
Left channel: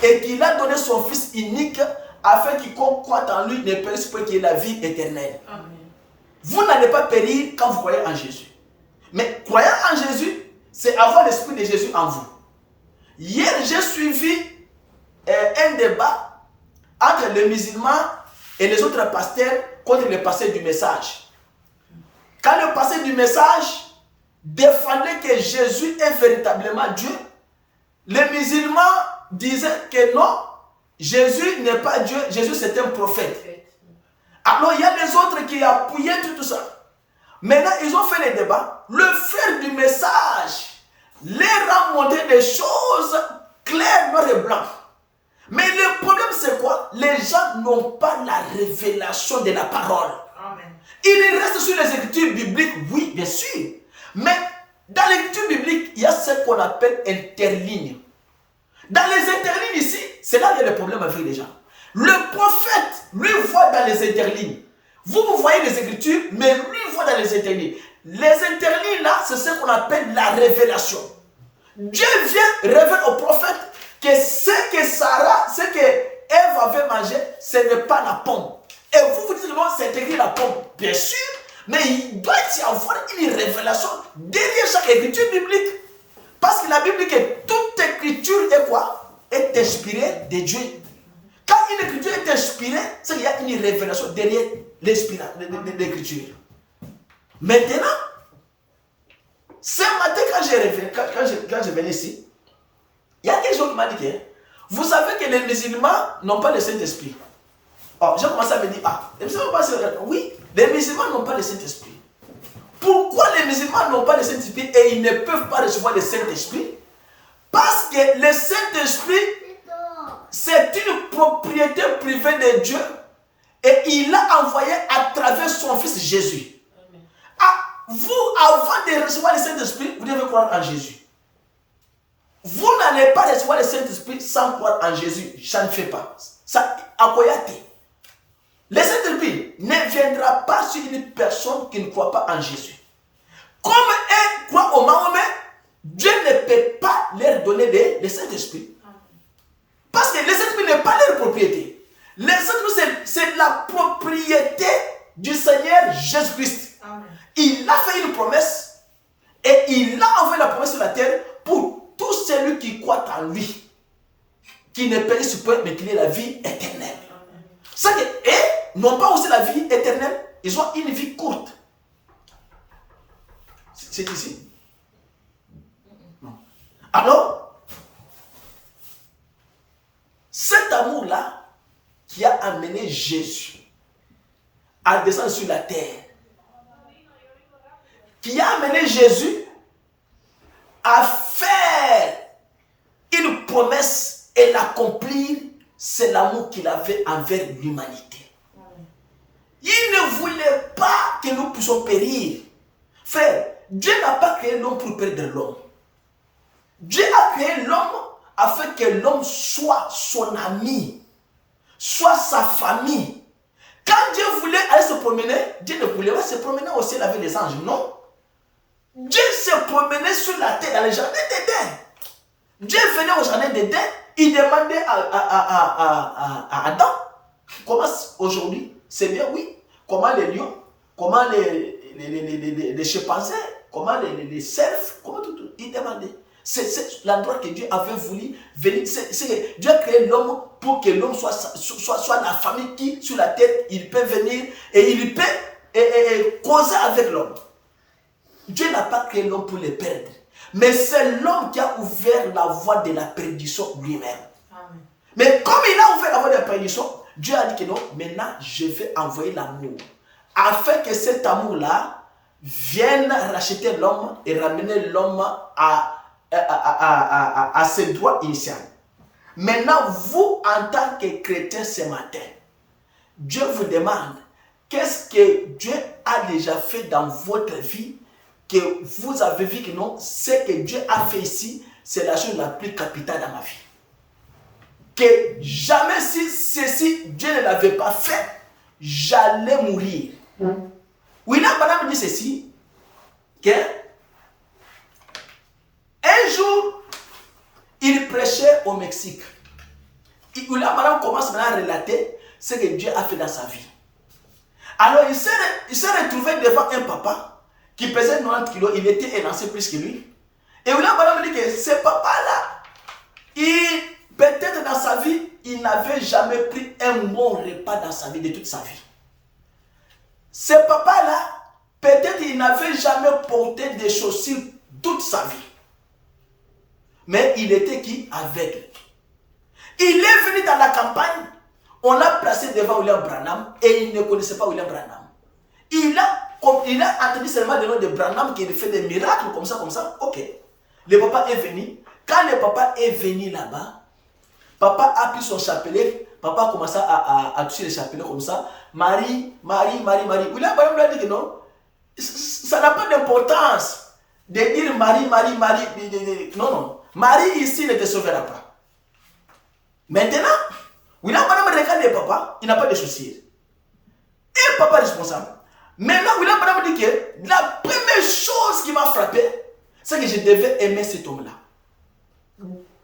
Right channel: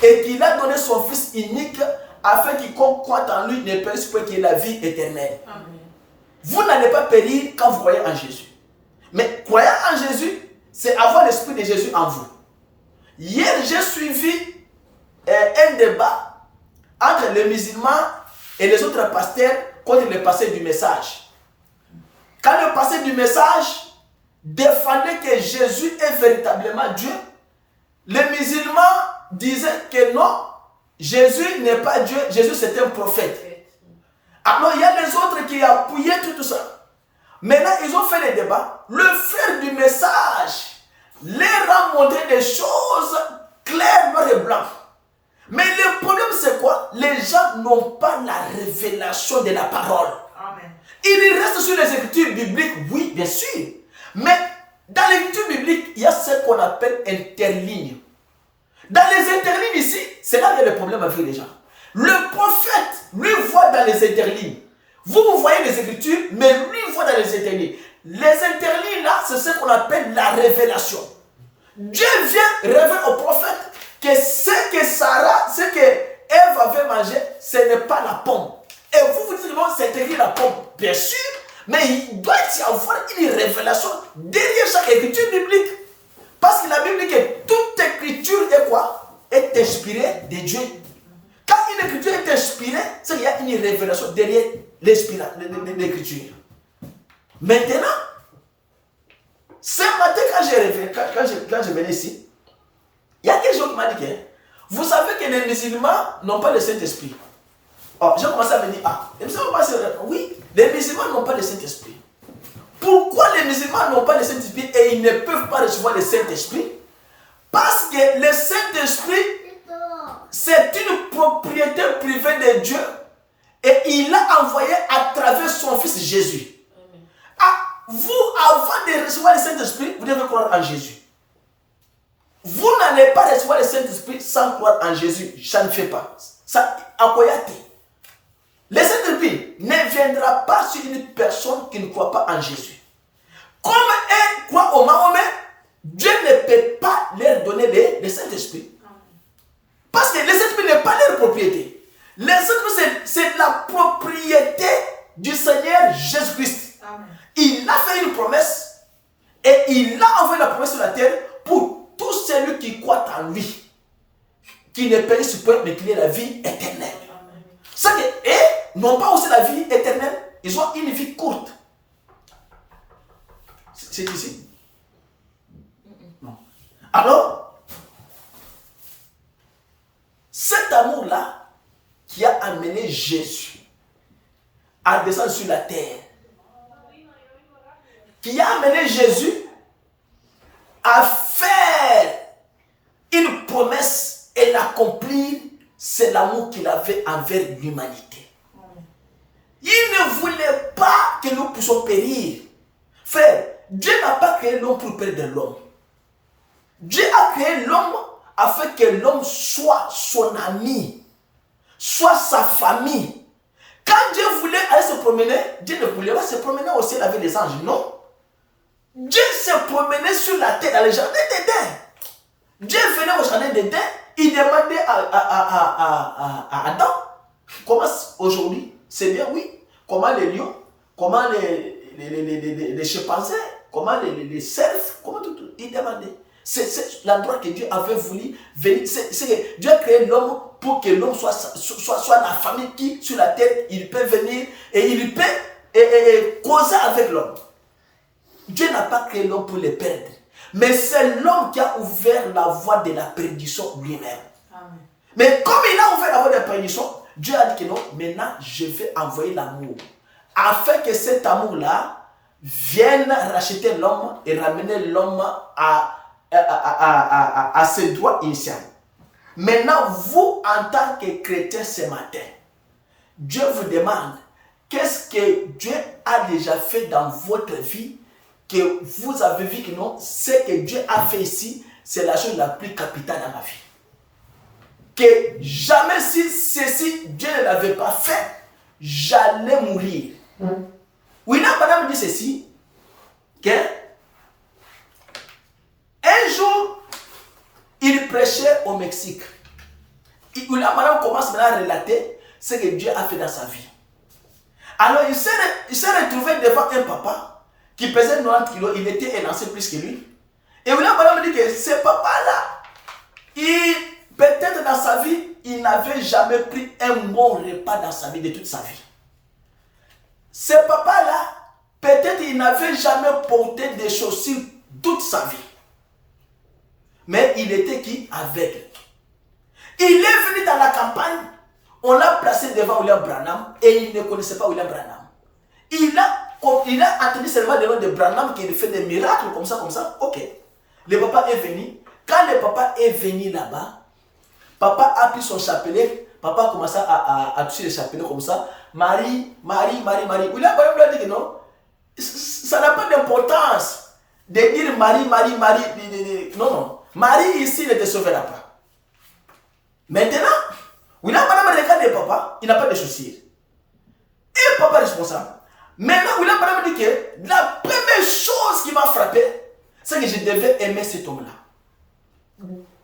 et qu'il a donné son Fils unique afin quiconque croit en lui ne périsse point, qu'il ait la vie éternelle. Amen. Vous n'allez pas périr quand vous croyez en Jésus. Mais croyant en Jésus, c'est avoir l'esprit de Jésus en vous. Hier, j'ai suivi un débat entre les musulmans et les autres pasteurs contre le pasteur du message. Quand le pasteur du message défendait que Jésus est véritablement Dieu, les musulmans disaient que non, Jésus n'est pas Dieu, Jésus c'est un prophète. Alors il y a les autres qui appuyaient tout ça. Maintenant, ils ont fait le débat. Le frère du message les a montré des choses claires, noires et blanches. Mais le problème, c'est quoi? Les gens n'ont pas la révélation de la parole. Amen. Ils restent sur les écritures bibliques, oui, bien sûr. Mais dans l'écriture biblique, il y a ce qu'on appelle interlignes. Dans les interlignes ici, c'est là qu'il y a le problème avec les gens. Le prophète, lui, voit dans les interlignes. Vous voyez les écritures, mais lui voit dans les interlignes. Les interlignes là, c'est ce qu'on appelle la révélation. Dieu vient révéler au prophète que ce que Sarah, ce que Ève avait mangé, ce n'est pas la pomme. Et vous dites que non, c'est écrit la pomme. Bien sûr, mais il doit y avoir une révélation derrière chaque écriture biblique. Parce que la Bible dit que toute écriture est quoi? Est inspirée de Dieu. Quand une écriture est inspirée, c'est qu'il y a une révélation derrière l'écriture. Maintenant, ce matin, quand je venais ici, il y a quelque chose qui m'a dit que vous savez que les musulmans n'ont pas le Saint-Esprit. Oh, j'ai commencé à me dire, les musulmans oui, les musulmans n'ont pas le Saint-Esprit. Pourquoi les musulmans n'ont pas le Saint-Esprit et ils ne peuvent pas recevoir le Saint-Esprit? Parce que le Saint-Esprit, c'est une propriété privée de Dieu et il l'a envoyé à travers son Fils Jésus. Vous, avant de recevoir le Saint-Esprit, vous devez croire en Jésus. Vous n'allez pas recevoir le Saint-Esprit sans croire en Jésus. Ça ne fait pas. Ça, le Saint-Esprit ne viendra pas sur une personne qui ne croit pas en Jésus. Comme elles croient au Mahomet, Dieu ne peut pas leur donner le Saint-Esprit. Parce que le Saint-Esprit n'est pas leur propriété. Le Saint-Esprit, c'est la propriété du Seigneur Jésus-Christ. Il a fait une promesse et il a envoyé la promesse sur la terre pour tout celui qui croit en lui, qui ne périsse point, mais qui ait la vie éternelle. C'est que, et n'ont pas aussi la vie éternelle, ils ont une vie courte. C'est ici? Non. Alors, cet amour-là qui a amené Jésus à descendre sur la terre, qui a amené Jésus à faire une promesse et l'accomplir, c'est l'amour qu'il avait envers l'humanité. Il ne voulait pas que nous puissions périr. Frère, Dieu n'a pas créé l'homme pour perdre l'homme. Dieu a créé l'homme afin que l'homme soit son ami, soit sa famille. Quand Dieu voulait aller se promener, Dieu ne voulait pas se promener au ciel avec les anges, non. Dieu se promenait sur la terre dans le jardin d'Éden. Dieu venait au jardin d'Éden, il demandait à Adam, comment aujourd'hui, c'est bien, oui, comment les lions, comment les chimpanzés, comment les cerfs, comment tout, il demandait. C'est l'endroit que Dieu avait voulu venir. Dieu a créé l'homme pour que l'homme soit la famille qui, sur la terre, il peut venir et il peut causer avec l'homme. Dieu n'a pas créé l'homme pour le perdre. Mais c'est l'homme qui a ouvert la voie de la perdition lui-même. Mais comme il a ouvert la voie de la perdition, Dieu a dit que non, maintenant je vais envoyer l'amour. Afin que cet amour-là vienne racheter l'homme et ramener l'homme à ses droits initiaux. Maintenant, vous, en tant que chrétien ce matin, Dieu vous demande qu'est-ce que Dieu a déjà fait dans votre vie, que vous avez vu que non, ce que Dieu a fait ici, c'est la chose la plus capitale dans ma vie. Que jamais si ceci, Dieu ne l'avait pas fait, j'allais mourir. William Branham dit ceci, que un jour, il prêchait au Mexique. William Branham commence maintenant à relater ce que Dieu a fait dans sa vie. Alors, il s'est retrouvé devant un papa qui pesait 90 kilos, il était élancé plus que lui. Et William Branham dit que ce papa-là, peut-être dans sa vie, il n'avait jamais pris un bon repas dans sa vie, de toute sa vie. Ce papa-là, peut-être il n'avait jamais porté des chaussures toute sa vie. Mais il était qui? Aveugle. Il est venu dans la campagne, on l'a placé devant William Branham et il ne connaissait pas William Branham. Il a entendu seulement le nom de Branham qui fait des miracles comme ça. Ok. Le papa est venu. Quand le papa est venu là-bas, papa a pris son chapelet. Papa a commencé à toucher le chapelet comme ça. Marie. William Branham lui a dit que non. Ça n'a pas d'importance de dire Marie. Non. Marie ici ne te sauvera pas. Maintenant, William Branham regarde le papa. Il n'a pas de chaussures. Et papa est responsable. Maintenant, William Branham dit que la première chose qui m'a frappé, c'est que je devais aimer cet homme-là.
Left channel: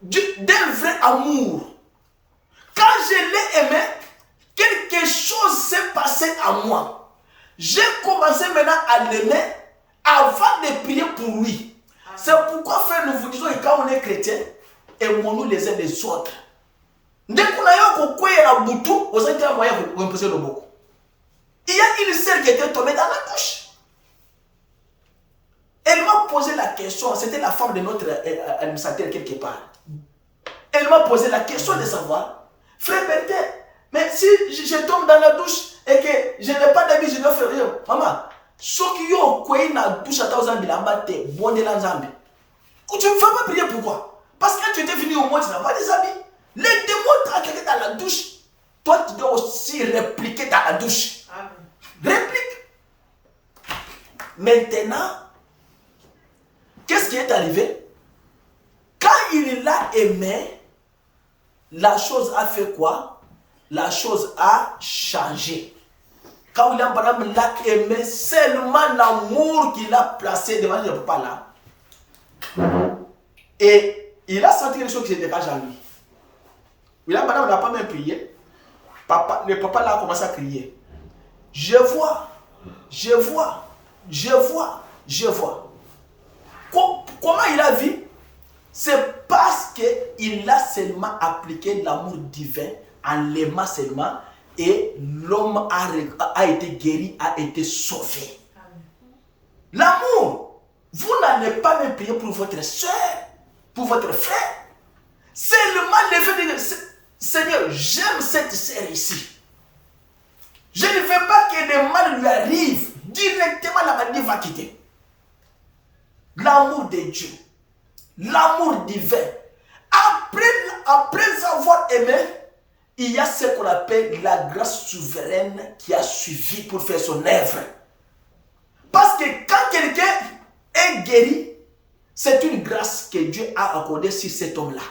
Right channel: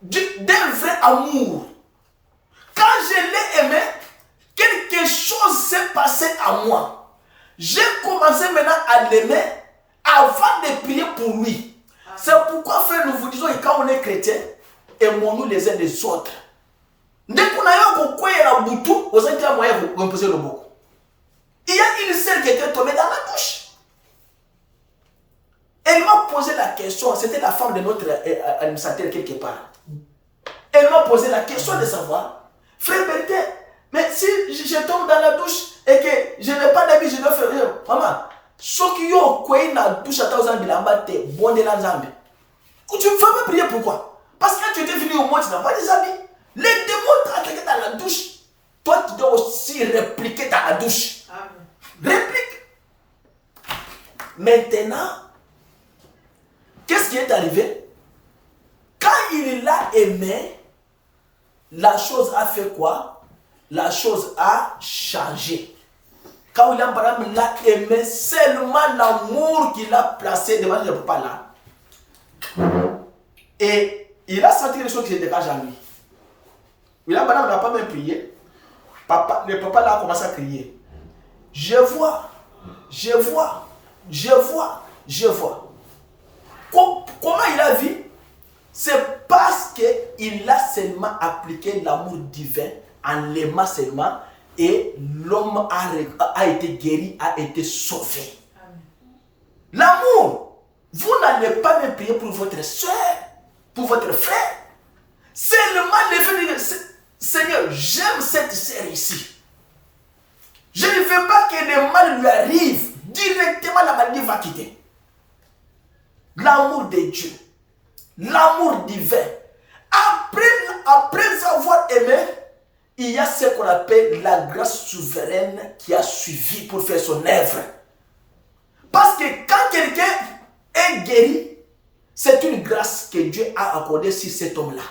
D'un vrai amour. Quand je l'ai aimé, quelque chose s'est passé à moi. J'ai commencé maintenant à l'aimer avant de prier pour lui. C'est pourquoi, frère, nous vous disons que quand on est chrétien, aimons-nous les uns les autres. Dès qu'on a eu un boutu, vous avez un moyen de reposer le beaucoup. Il y a une sœur qui était tombée dans la douche. Elle m'a posé la question, c'était la femme de notre administrateur quelque part. Elle m'a posé la question de savoir, frère Bertin, mais si je tombe dans la douche et que je n'ai pas d'habit, je dois faire rien. Maman, ce qui est dans la douche à ta zambi, la batte, bon de la zambi. Tu ne vas pas prier pourquoi? Parce que quand tu étais venu au monde, tu n'as pas des habits. Les démons t'ont attaqué dans la douche. Toi, tu dois aussi répliquer dans la douche. Amen. Réplique. Maintenant, qu'est-ce qui est arrivé? Quand il l'a aimé, la chose a fait quoi? La chose a changé. quand William Branham l'a aimé, seulement l'amour qu'il a placé devant le papa là. Et il a senti quelque chose qui se dégage en lui. William Branham n'a pas même prié. Le papa là a commencé à crier. Je vois. Comment il a vu? C'est parce qu'il a seulement appliqué l'amour divin en l'aimant seulement et l'homme a été guéri, a été sauvé. L'amour, vous n'allez pas même prier pour votre soeur, pour votre frère. Seulement le fait de dire, Seigneur, j'aime cette sœur ici. Je ne veux pas que le mal lui arrive. Directement, la maladie va quitter. L'amour de Dieu. L'amour divin. Après avoir aimé, il y a ce qu'on appelle la grâce souveraine qui a suivi pour faire son œuvre. Parce que quand quelqu'un est guéri, c'est une grâce que Dieu a accordée sur cet homme-là.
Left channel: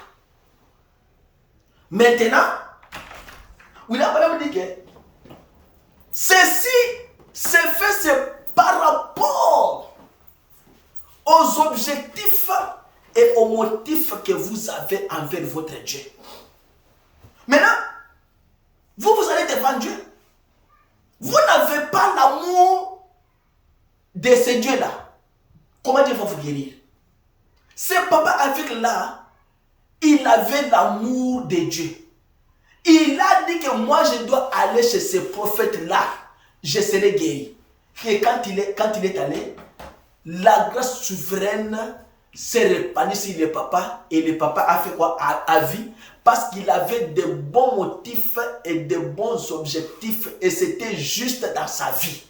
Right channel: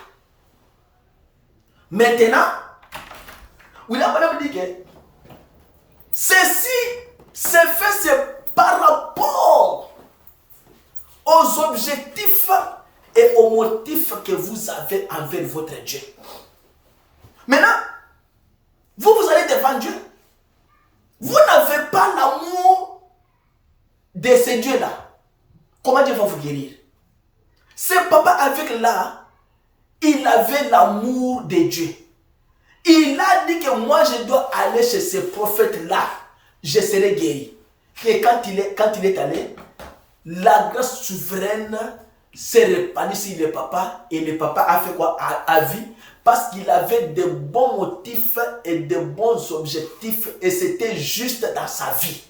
Maintenant, William Branham dit que ceci c'est fait par rapport aux objectifs et aux motifs que vous avez envers votre Dieu. Maintenant, vous allez devant Dieu. Vous n'avez pas l'amour de ce Dieu-là. Comment Dieu va vous guérir? Ce papa avec là, il avait l'amour de Dieu. Il a dit que moi je dois aller chez ce prophète-là. Je serai guéri. Et quand il est allé, la grâce souveraine s'est répandue sur le papa. Et le papa a fait quoi? A vu. Parce qu'il avait de bons motifs et de bons objectifs. Et c'était juste dans sa vie.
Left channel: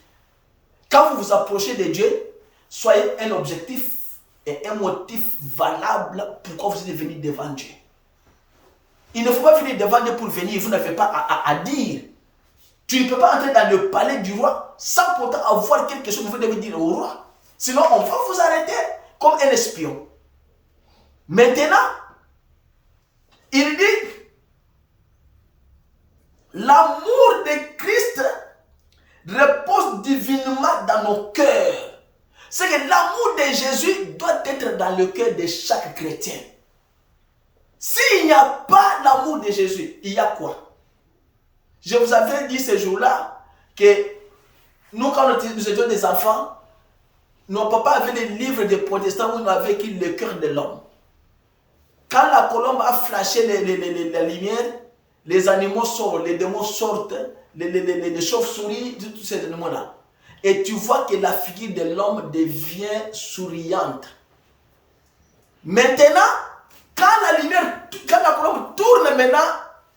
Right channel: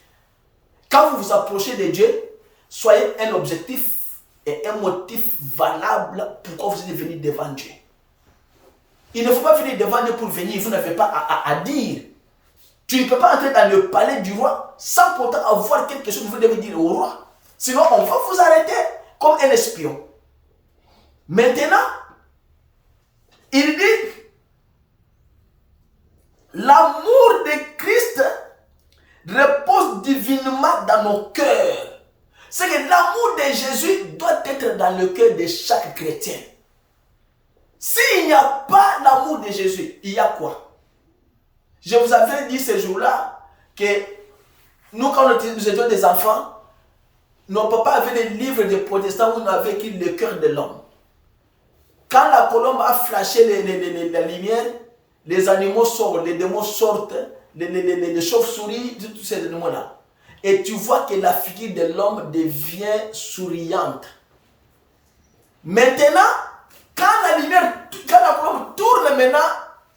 Quand vous vous approchez de Dieu, soyez un objectif et un motif valable pourquoi vous êtes venu devant Dieu. Il ne faut pas venir devant Dieu pour venir, vous n'avez pas à dire. Tu ne peux pas entrer dans le palais du roi sans pourtant avoir quelque chose que vous devez dire au roi. Sinon, on va vous arrêter comme un espion. Maintenant, il dit, l'amour de Christ repose divinement dans nos cœurs. C'est que l'amour de Jésus doit être dans le cœur de chaque chrétien. S'il n'y a pas l'amour de Jésus, il y a quoi? Je vous avais dit ce jour-là que nous, quand nous étions des enfants, nos papas avaient des livres de protestants où nous avions écrit le cœur de l'homme. Quand la colombe a flashé la lumière, les animaux sortent, les démons sortent, les chauves-souris, tous ces animaux-là. Et tu vois que la figure de l'homme devient souriante. Maintenant, quand la colombe tourne maintenant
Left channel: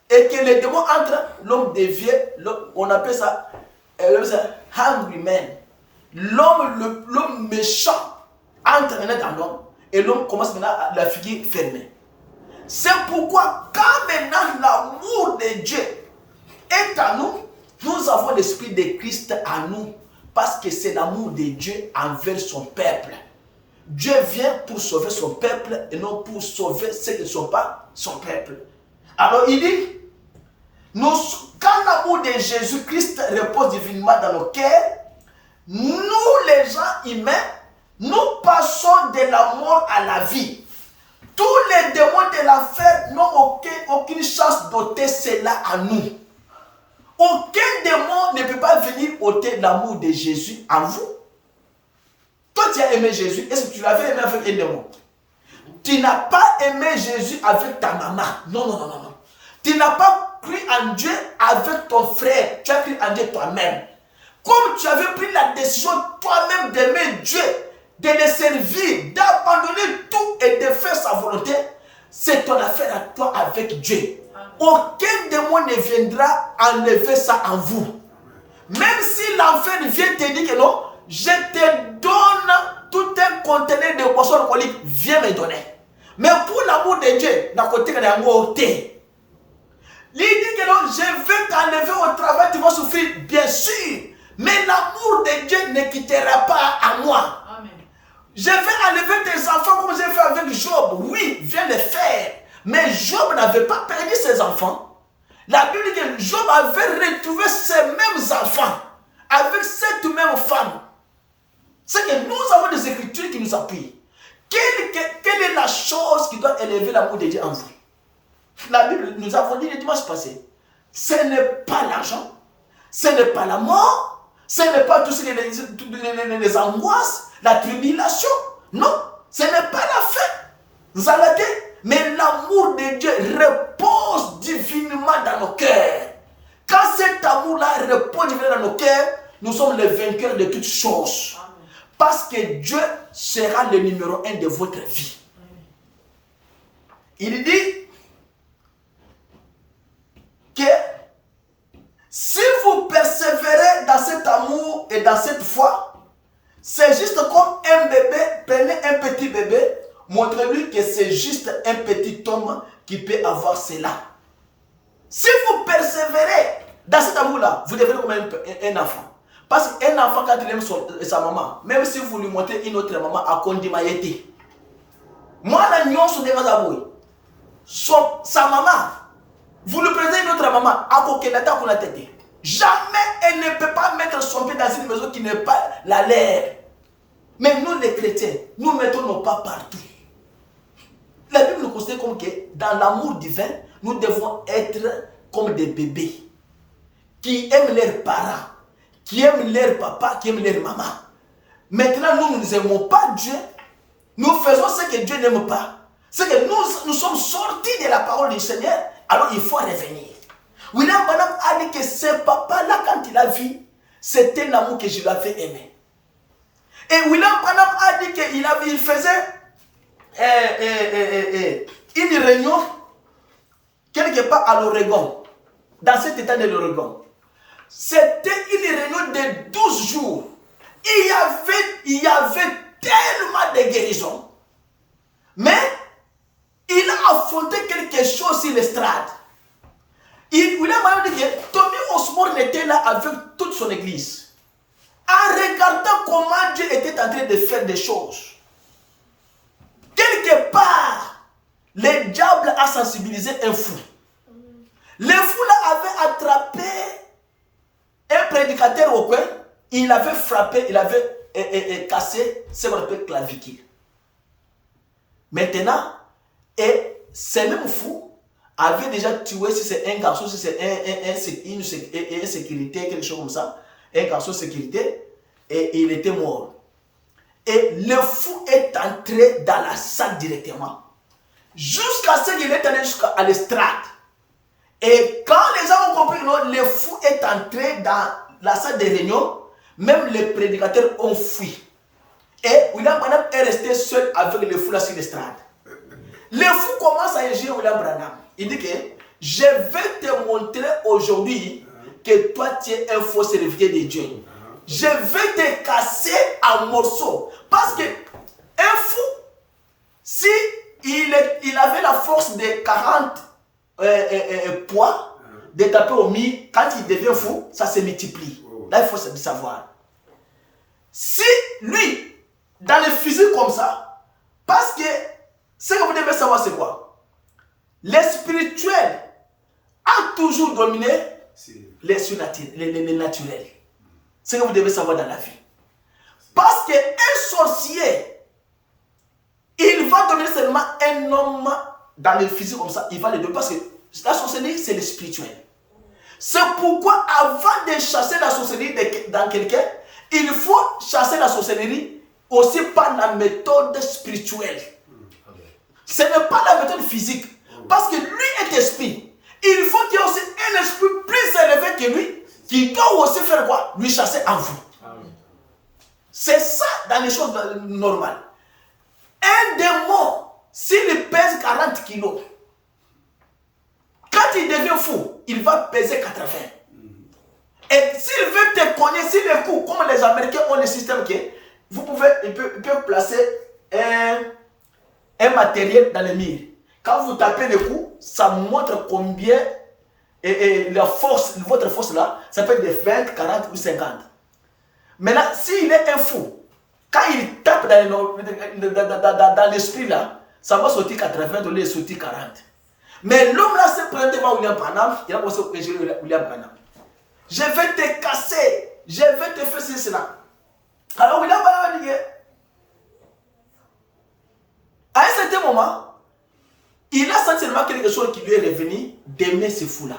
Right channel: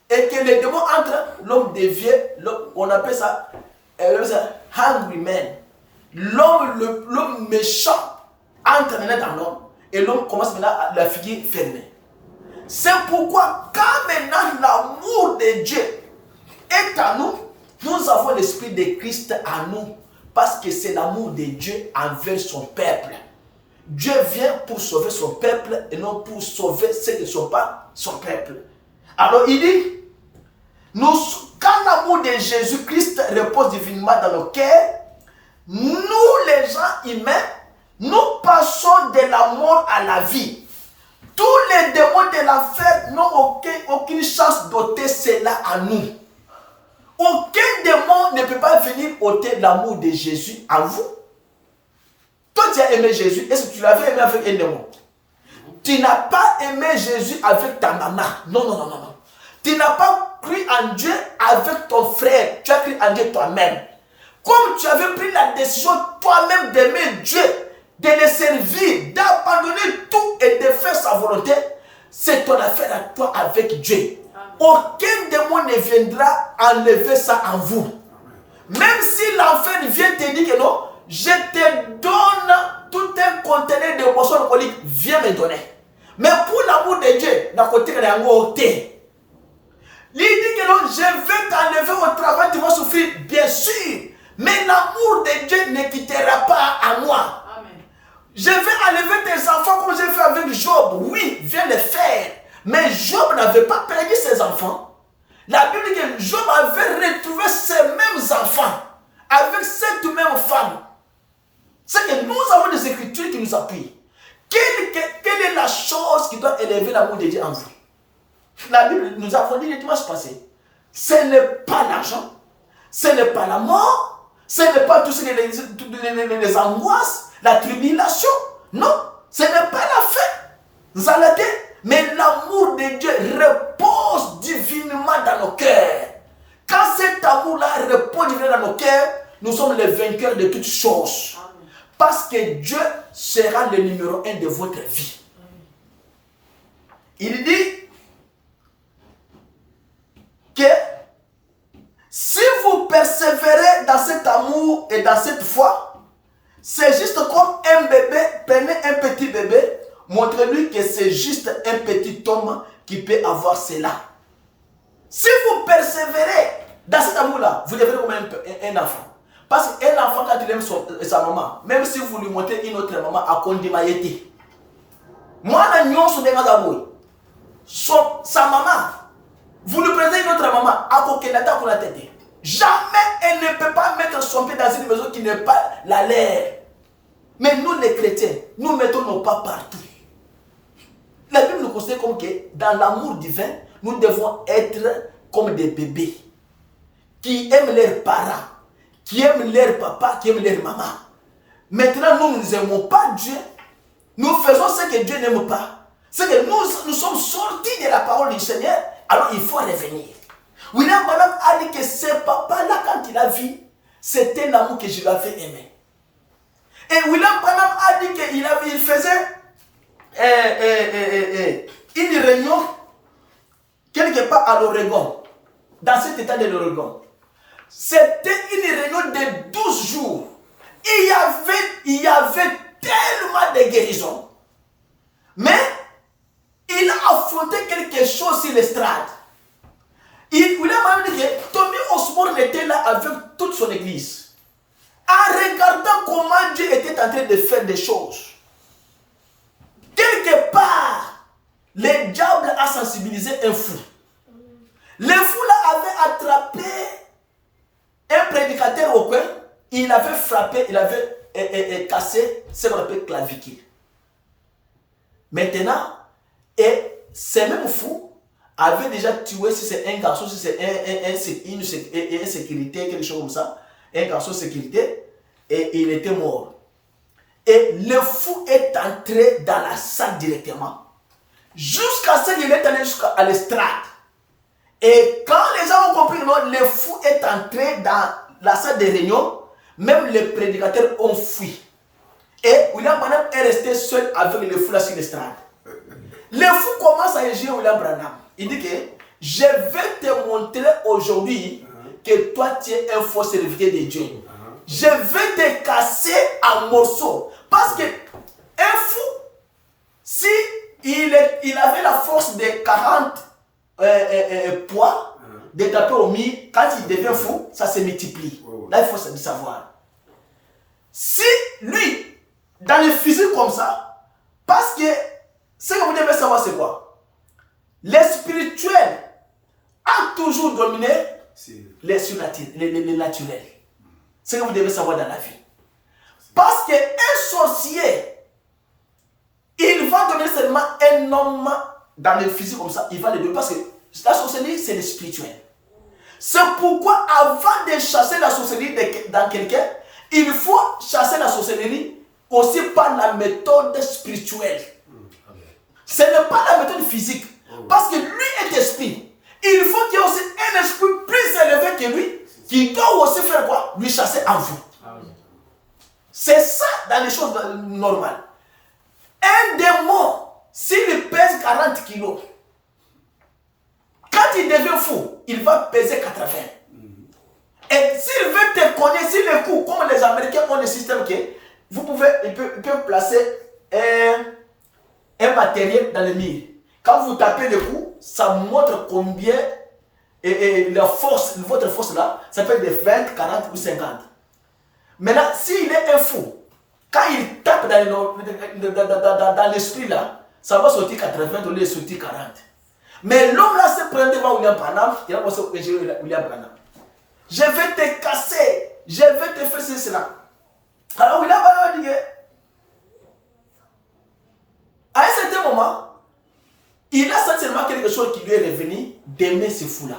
et que les démons entrent, l'homme devient, on appelle ça hungry man. L'homme méchant entre maintenant dans l'homme et l'homme commence maintenant à la figure fermée. C'est pourquoi quand maintenant l'amour de Dieu est à nous, nous avons l'esprit de Christ à nous. Parce que c'est l'amour de Dieu envers son peuple. Dieu vient pour sauver son peuple et non pour sauver ceux qui ne sont pas son peuple. Alors il dit, quand l'amour de Jésus-Christ repose divinement dans nos cœurs, nous les gens humains, nous passons de la mort à la vie. Tous les démons de l'enfer n'ont aucune chance d'ôter cela à nous. Aucun démon ne peut pas venir ôter l'amour de Jésus en vous. Toi, tu as aimé Jésus. Est-ce que tu l'avais aimé avec un démon? Tu n'as pas aimé Jésus avec ta maman. Non. Tu n'as pas cru en Dieu avec ton frère. Tu as cru en Dieu toi-même. Comme tu avais pris la décision toi-même d'aimer Dieu, de le servir, d'abandonner tout et de faire sa volonté, c'est ton affaire à toi avec Dieu. Aucun démon ne viendra enlever ça en vous. Même si l'enfer vient te dire que non, je te donne tout un conteneur de boissons alcooliques, viens me donner. Mais pour l'amour de Dieu, d'un côté, il y a un côté. Il dit que non, je vais t'enlever au travail, tu vas souffrir, bien sûr. Mais l'amour de Dieu ne quittera pas à moi. Amen. Je vais enlever tes enfants comme j'ai fait avec Job. Oui, viens le faire. Mais Job n'avait pas perdu ses enfants. La Bible dit que Job avait retrouvé ses mêmes enfants avec cette même femme. C'est que nous avons des écritures qui nous appuient. Quelle est la chose qui doit élever l'amour de Dieu en vous? La Bible, nous avons dit le dimanche passé, ce n'est pas l'argent, ce n'est pas la mort, ce n'est pas toutes les angoisses, la tribulation. Non, ce n'est pas la faim, mais l'amour de Dieu repose divinement dans nos cœurs. Quand cet amour-là repose divinement dans nos cœurs, nous sommes les vainqueurs de toutes choses. Parce que Dieu sera le numéro 1 de votre vie. Il dit que si vous persévérez dans cet amour et dans cette foi, c'est juste comme un bébé, prenez un petit bébé, montrez-lui que c'est juste un petit homme qui peut avoir cela. Si vous persévérez dans cet amour-là, vous devenez comme un enfant. Parce qu'un enfant, quand il aime sa maman, même si vous lui montrez une autre maman, à Kondimayete. Moi, la nuit, sa maman, vous lui présentez une autre maman, à Kokenata Konatete. Jamais elle ne peut pas mettre son pied dans une maison qui n'est pas la leur. Mais nous, les chrétiens, nous mettons nos pas partout. La Bible nous considère comme que dans l'amour divin, nous devons être comme des bébés qui aiment leurs parents, qui aiment leur papa, qui aiment leur maman. Maintenant, nous n'aimons pas Dieu. Nous faisons ce que Dieu n'aime pas. C'est que nous sommes sortis de la parole du Seigneur, alors il faut revenir. William Branham a dit que ce papa-là, quand il a vu, c'était l'amour que je l'avais aimé. Et William Branham a dit qu'il faisait une réunion quelque part à l'Oregon, dans cet état de l'Oregon. C'était une réunion de 12 jours. Il y avait tellement de guérisons. Mais il a affronté quelque chose sur l'estrade. William a dit que Tommy Osborne était là avec toute son église. En regardant comment Dieu était en train de faire des choses. Quelque part, le diable a sensibilisé un fou. Le fou là avait attrapé un prédicateur au coin, il avait frappé, il avait cassé ce qu'on appelle clavicule. Maintenant, et ces mêmes fous avaient déjà tué, si c'est un garçon, si c'est une sécurité, quelque chose comme ça, un garçon sécurité, et il était mort. Et le fou est entré dans la salle directement, jusqu'à ce qu'il est allé jusqu'à l'estrade. Et quand les gens ont compris que non, le fou est entré dans la salle de réunion, même les prédicateurs ont fui. Et William Branham est resté seul avec le fou là sur l'estrade. Le fou commence à injurier William Branham. Il dit que je vais te montrer aujourd'hui que toi tu es un faux serviteur de Dieu. Je vais te casser en morceaux. Parce que un fou, si il avait la force de 40 poids de taper au mur, quand il devient fou, ça se multiplie. Là, il faut savoir. Si lui, dans le physique comme ça, parce que ce que vous devez savoir, c'est quoi? Le spirituel a toujours dominé les naturels. C'est ce que vous devez savoir dans la vie. Parce qu'un sorcier, il va donner seulement un homme dans le physique comme ça, il va le donner parce que la sorcellerie, c'est le spirituel. C'est pourquoi avant de chasser la sorcellerie dans quelqu'un, il faut chasser la sorcellerie aussi par la méthode spirituelle. Ce n'est pas la méthode physique. Parce que lui est esprit. Il faut qu'il y ait aussi un esprit plus élevé que lui qui doit aussi faire quoi? Lui chasser en vous. C'est ça dans les choses normales. Un démon, s'il pèse 40 kilos, quand il devient fou, il va peser 80. Et s'il veut te cogner, s'il est fou, comme les Américains ont le système que vous pouvez, ils peuvent placer un matériel dans le mur. Quand vous tapez le coup, ça montre combien la force, votre force là, ça peut être de 20, 40 ou 50. Maintenant, s'il est un fou, quand il tape dans l'esprit là, ça va sortir 80, au lieu de sortir 40. Mais l'homme là se prend devant William Branham, il a commencé à William Branham. Je vais te casser je vais te faire cela. Alors William Branham dit que, à un certain moment, il a senti seulement quelque chose qui lui est revenu d'aimer ce fou-là.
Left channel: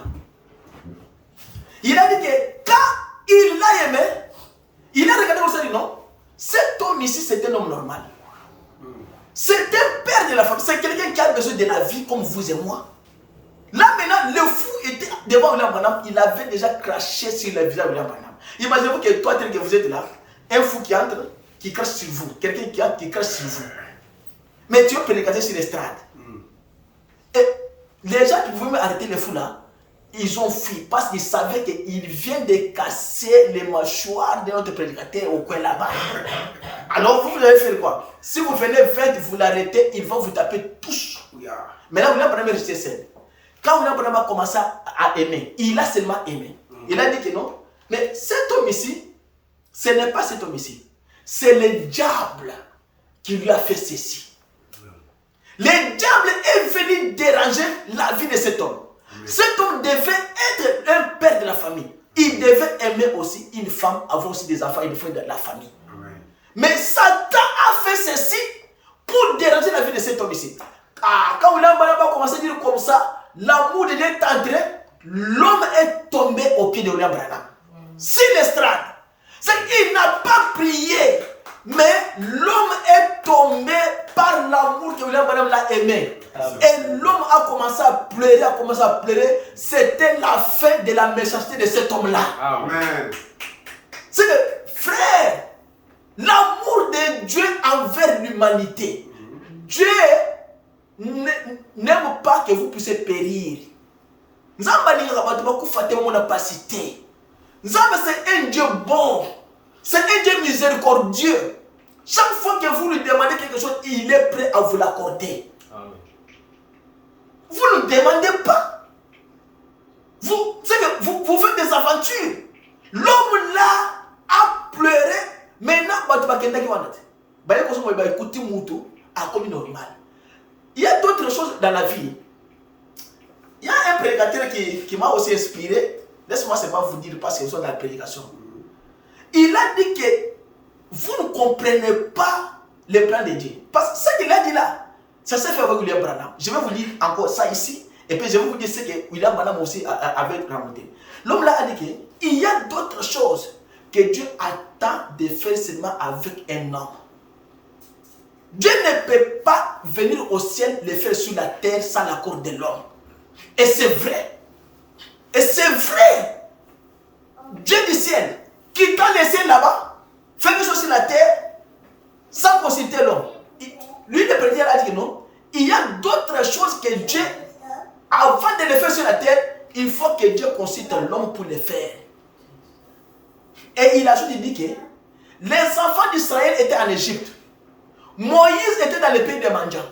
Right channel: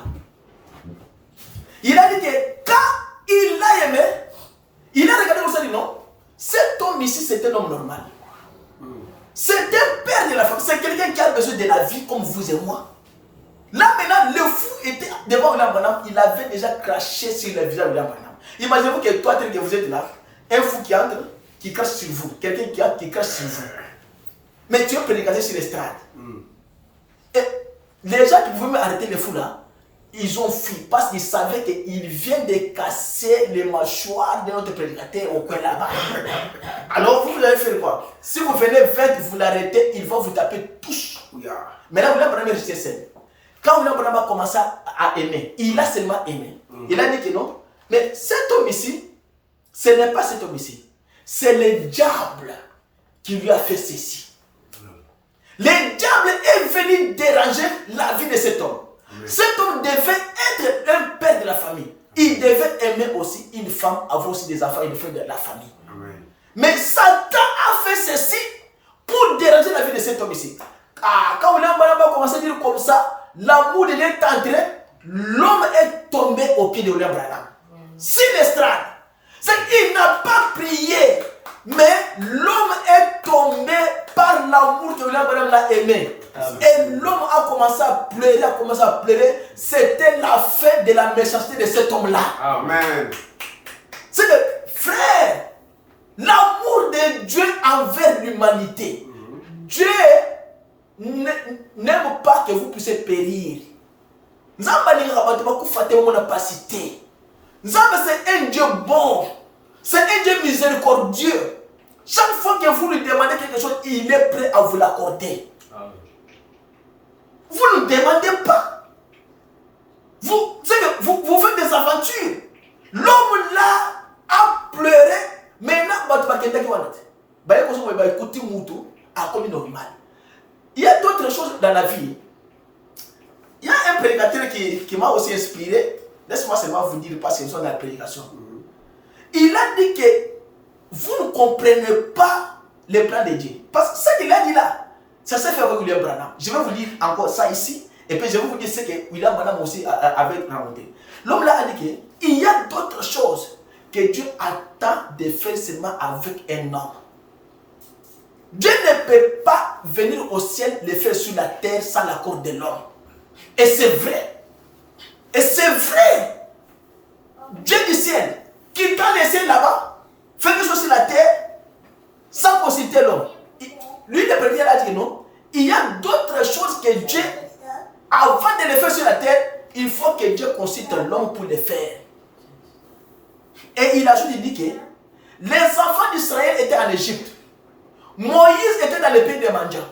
Il a dit que quand il l'a aimé, il a regardé comme ça et dit non, cet homme ici c'est un homme normal. C'est un père de la famille, c'est quelqu'un qui a besoin de la vie comme vous et moi. Là maintenant, le fou était devant William Branham, il avait déjà craché sur le visage de William Branham. Imaginez-vous que toi, tel que vous êtes là, un fou qui entre, qui crache sur vous, quelqu'un qui entre, qui crache sur vous. Mais tu es prédicateur sur l'estrade. Et les gens qui pouvaient arrêter les fous là, ils ont fui parce qu'ils savaient qu'il vient de casser les mâchoires de notre prédicateur au coin là-bas. Alors vous allez faire quoi? Si vous venez vite, vous l'arrêtez, ils vont vous taper tous. Maintenant, William Branham est resté seul. Quand William Branham a commencé à aimer, il a seulement aimé. Il a dit que non. Mais cet homme ici, ce n'est pas cet homme ici. C'est le diable qui lui a fait ceci. Le diable est venu déranger la vie de cet homme. Cet homme devait être un père de la famille. Il devait aimer aussi une femme, avoir aussi des enfants et des frères de la famille. Mais Satan a fait ceci pour déranger la vie de cet homme ici. Quand William Branham a commencé à dire comme ça, l'amour de Dieu est entré, l'homme est tombé au pied de William Branham. Sur l'estrade. C'est qu'il n'a pas prié, mais l'homme est tombé par l'amour que William Branham l'a aimé. Et l'homme a commencé à pleurer, C'était la fin de la méchanceté de cet homme-là. Amen. C'est que, frère, l'amour de Dieu envers l'humanité. Dieu n'aime pas que vous puissiez périr. Nzambe, c'est un Dieu bon. C'est un Dieu miséricordieux. Chaque fois que vous lui demandez quelque chose, il est prêt à vous l'accorder. Vous ne demandez pas. Vous faites des aventures. L'homme là a pleuré. Maintenant, il y a d'autres choses dans la vie. Il y a un prédicateur qui m'a aussi inspiré. Laisse-moi seulement vous dire parce que nous sommes dans la prédication. Il a dit que vous ne comprenez pas les plans de Dieu. Parce que ce qu'il a dit là, ça s'est fait avec William Branham. Je vais vous lire encore ça ici. Et puis je vais vous dire ce que William Branham aussi avait remonté. L'homme là a dit qu'il y a d'autres choses que Dieu attend de faire seulement avec un homme. Dieu ne peut pas venir au ciel le faire sur la terre sans l'accord de l'homme. Et c'est vrai. Et c'est vrai. Dieu du ciel, qui t'a laissé là-bas, fait quelque chose sur la terre, sans consulter l'homme. Lui, le prédicateur a dit que non. Il y a d'autres choses que Dieu, avant de les faire sur la terre, il faut que Dieu consulte l'homme pour les faire. Et il ajoute, il dit que les enfants d'Israël étaient en Égypte. Moïse était dans le pays des mendiants.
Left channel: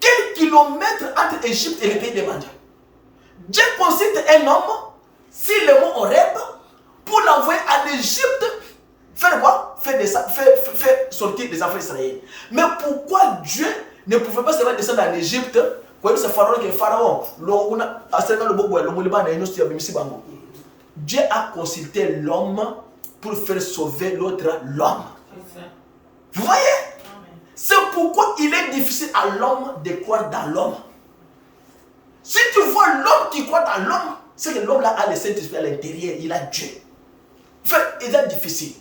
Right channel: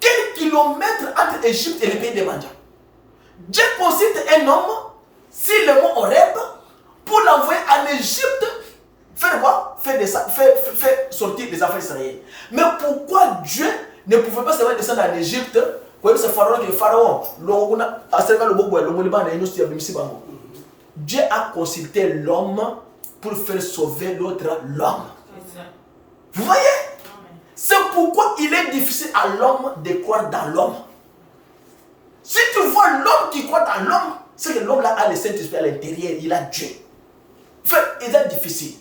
Quel kilomètre entre Égypte et le pays des mendiants? Dieu consulte un homme, si le mot Horeb, pour l'envoyer en Égypte, faire quoi? Faire sortir les enfants d'Israël. Mais pourquoi Dieu ne pouvait pas seulement descendre en Égypte? Dieu a consulté l'homme pour faire sauver l'autre l'homme. Vous voyez? C'est pourquoi il est difficile à l'homme de croire dans l'homme. Si tu vois l'homme qui croit dans l'homme, c'est que l'homme là a le Saint-Esprit à l'intérieur, il a Dieu. Enfin, il est difficile.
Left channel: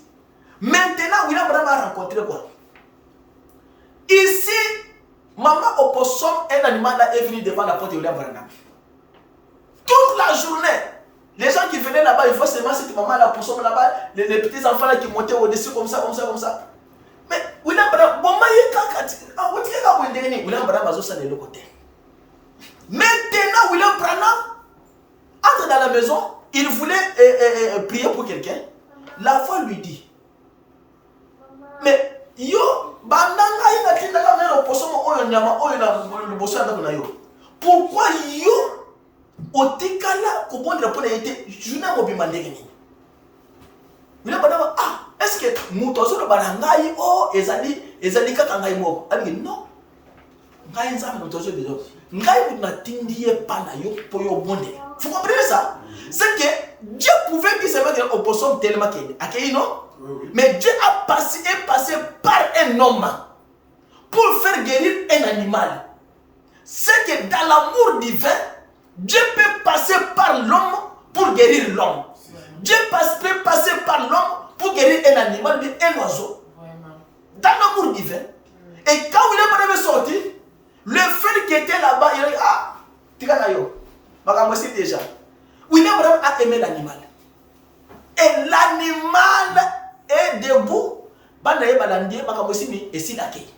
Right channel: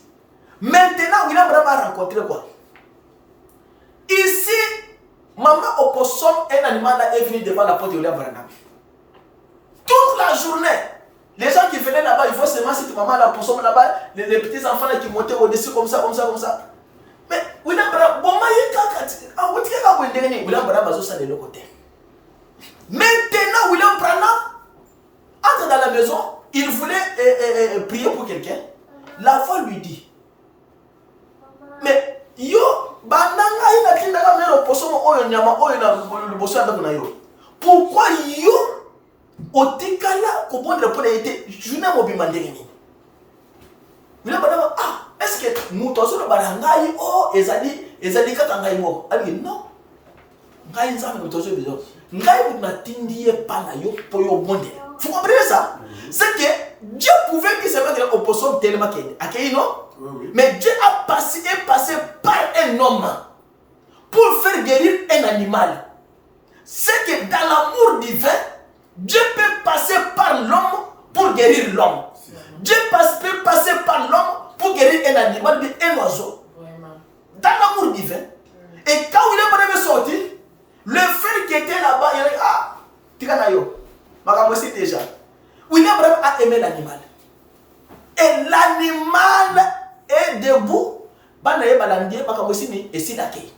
Maintenant, William Branham a rencontré quoi? Ici, maman opossum, un animal là est venu devant la porte de William Branham. Toute la journée, les gens qui venaient là-bas, ils voient seulement cette maman là, opossum là-bas, les petits enfants là qui montaient au-dessus comme ça. Mais William Branham, William Branham a ça de l'autre côté. Maintenant, William Branham entre dans la maison, il voulait prier pour quelqu'un. La voix lui dit, mais yo, pourquoi yo, otikala kobondre pour été juna mobimandeni? William Branham, est-ce que nous tous le barangai ezali kaka ngai moko? Ali non. Ngai nzambe nous tous besoin. Ngai vous n'attendiez pas na yo pour yo bondre. Vous comprenez ça? C'est que Dieu pouvait dire seulement qu'il opossum tellement qu'il a non? Oui. Mais Dieu est passé par un homme pour faire guérir un animal. C'est que dans l'amour divin, Dieu peut passer par l'homme pour guérir l'homme. Dieu peut passer par l'homme pour guérir un animal, un oiseau. Dans l'amour divin. Et quand William est sorti, le frère qui était là-bas, il a dit, ah, Tikanayo, je déjà. William a aimé l'animal. Et l'animal est debout. Et s'il accueille.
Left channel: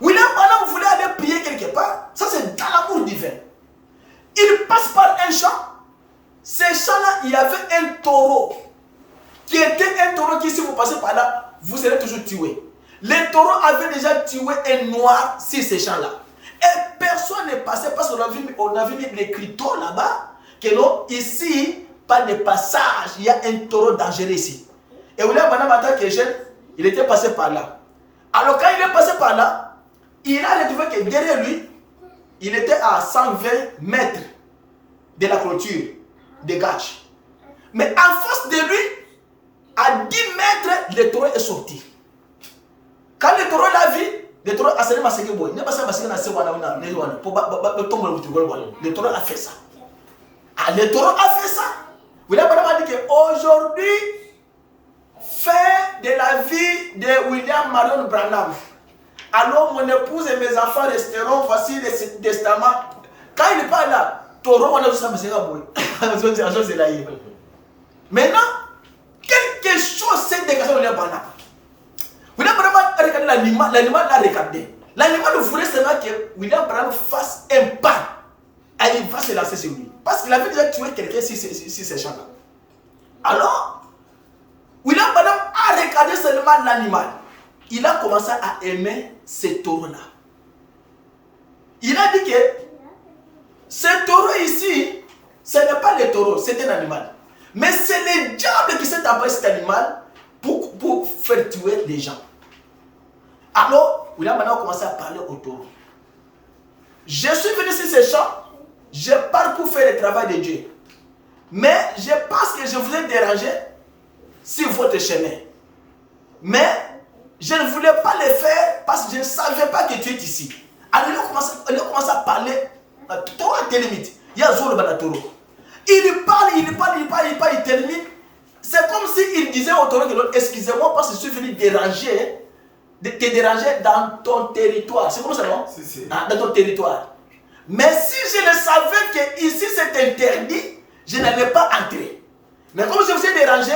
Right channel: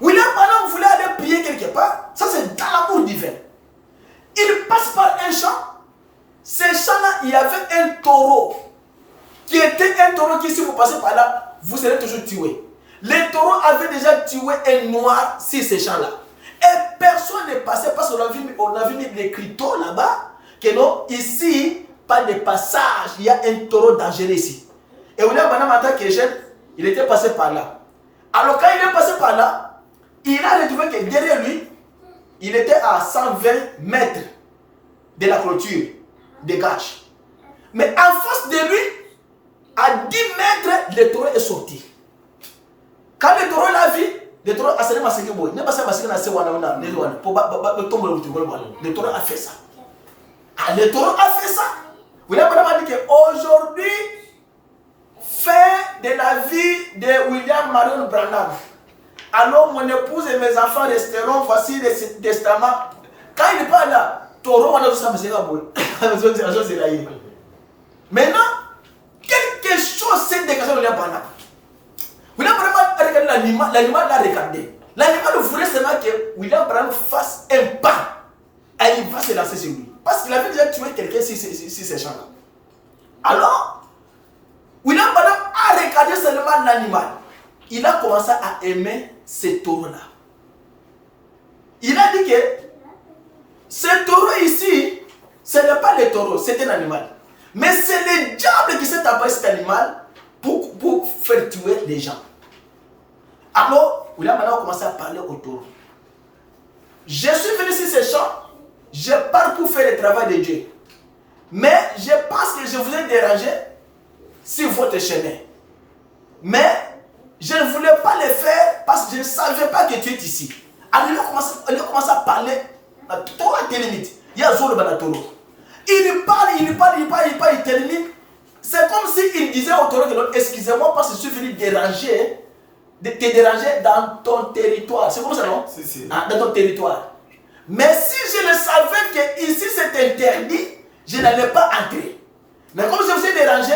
William Branham voulait aller prier quelque part. Ça, c'est dans l'amour divin. Il passe par un champ. Ce champ-là, il y avait un taureau. Qui était un taureau qui, si vous passez par là, vous serez toujours tué. Le taureau avait déjà tué un noir sur ce champ-là. Et personne n'est passé parce qu'on avait mis l'écriteau là-bas. Que non, ici, pas de passage. Il y a un taureau dangereux ici. Et William Branham, en tant que jeune, il était passé par là. Alors quand il est passé par là, il a retrouvé que derrière lui, il était à 120 mètres de la clôture, des gages. Mais en face de lui, à 10 mètres, le taureau est sorti. Quand le taureau l'a vu, le taureau a serré masqué boy. Le taureau a fait ça. Ah, le taureau a fait ça. William Branham a dit qu'aujourd'hui, fin de la vie de William Marion Branham. Alors mon épouse et mes enfants resteront, voici le testament. Quand il n'est pas là, taureau, on a vu ça, maintenant, quelque chose s'est dégagé de William Branham. William Branham a regardé l'animal l'a regardé. L'animal voulait seulement que William Branham fasse un pas. Et il va se lancer sur lui. Parce qu'il avait déjà tué quelqu'un sur ces champs-là. Alors, William Branham a regardé seulement l'animal. Il a commencé à aimer ce taureau-là. Il a dit que ce taureau ici, ce n'est pas le taureau, c'est un animal. Mais c'est le diable qui s'est emparé de cet animal pour faire tuer les gens. Alors, William Branham a commencé à parler au taureau. Je suis venu sur ces champs, je pars pour faire le travail de Dieu. Mais je pense que je vous ai dérangé sur votre chemin. Mais je ne voulais pas le faire parce que je ne savais pas que tu es ici. Alors il a commencé à parler. Taureau a des limites. Il y a Zolo Banatoro. Il parle, il termine. C'est comme s'il disait au taureau que excusez-moi parce que je suis venu te déranger dans ton territoire. C'est comme ça, non? Si. Ah, dans ton territoire. Mais si je ne savais que ici c'est interdit, je n'allais pas entrer. Mais comme je vous ai dérangé,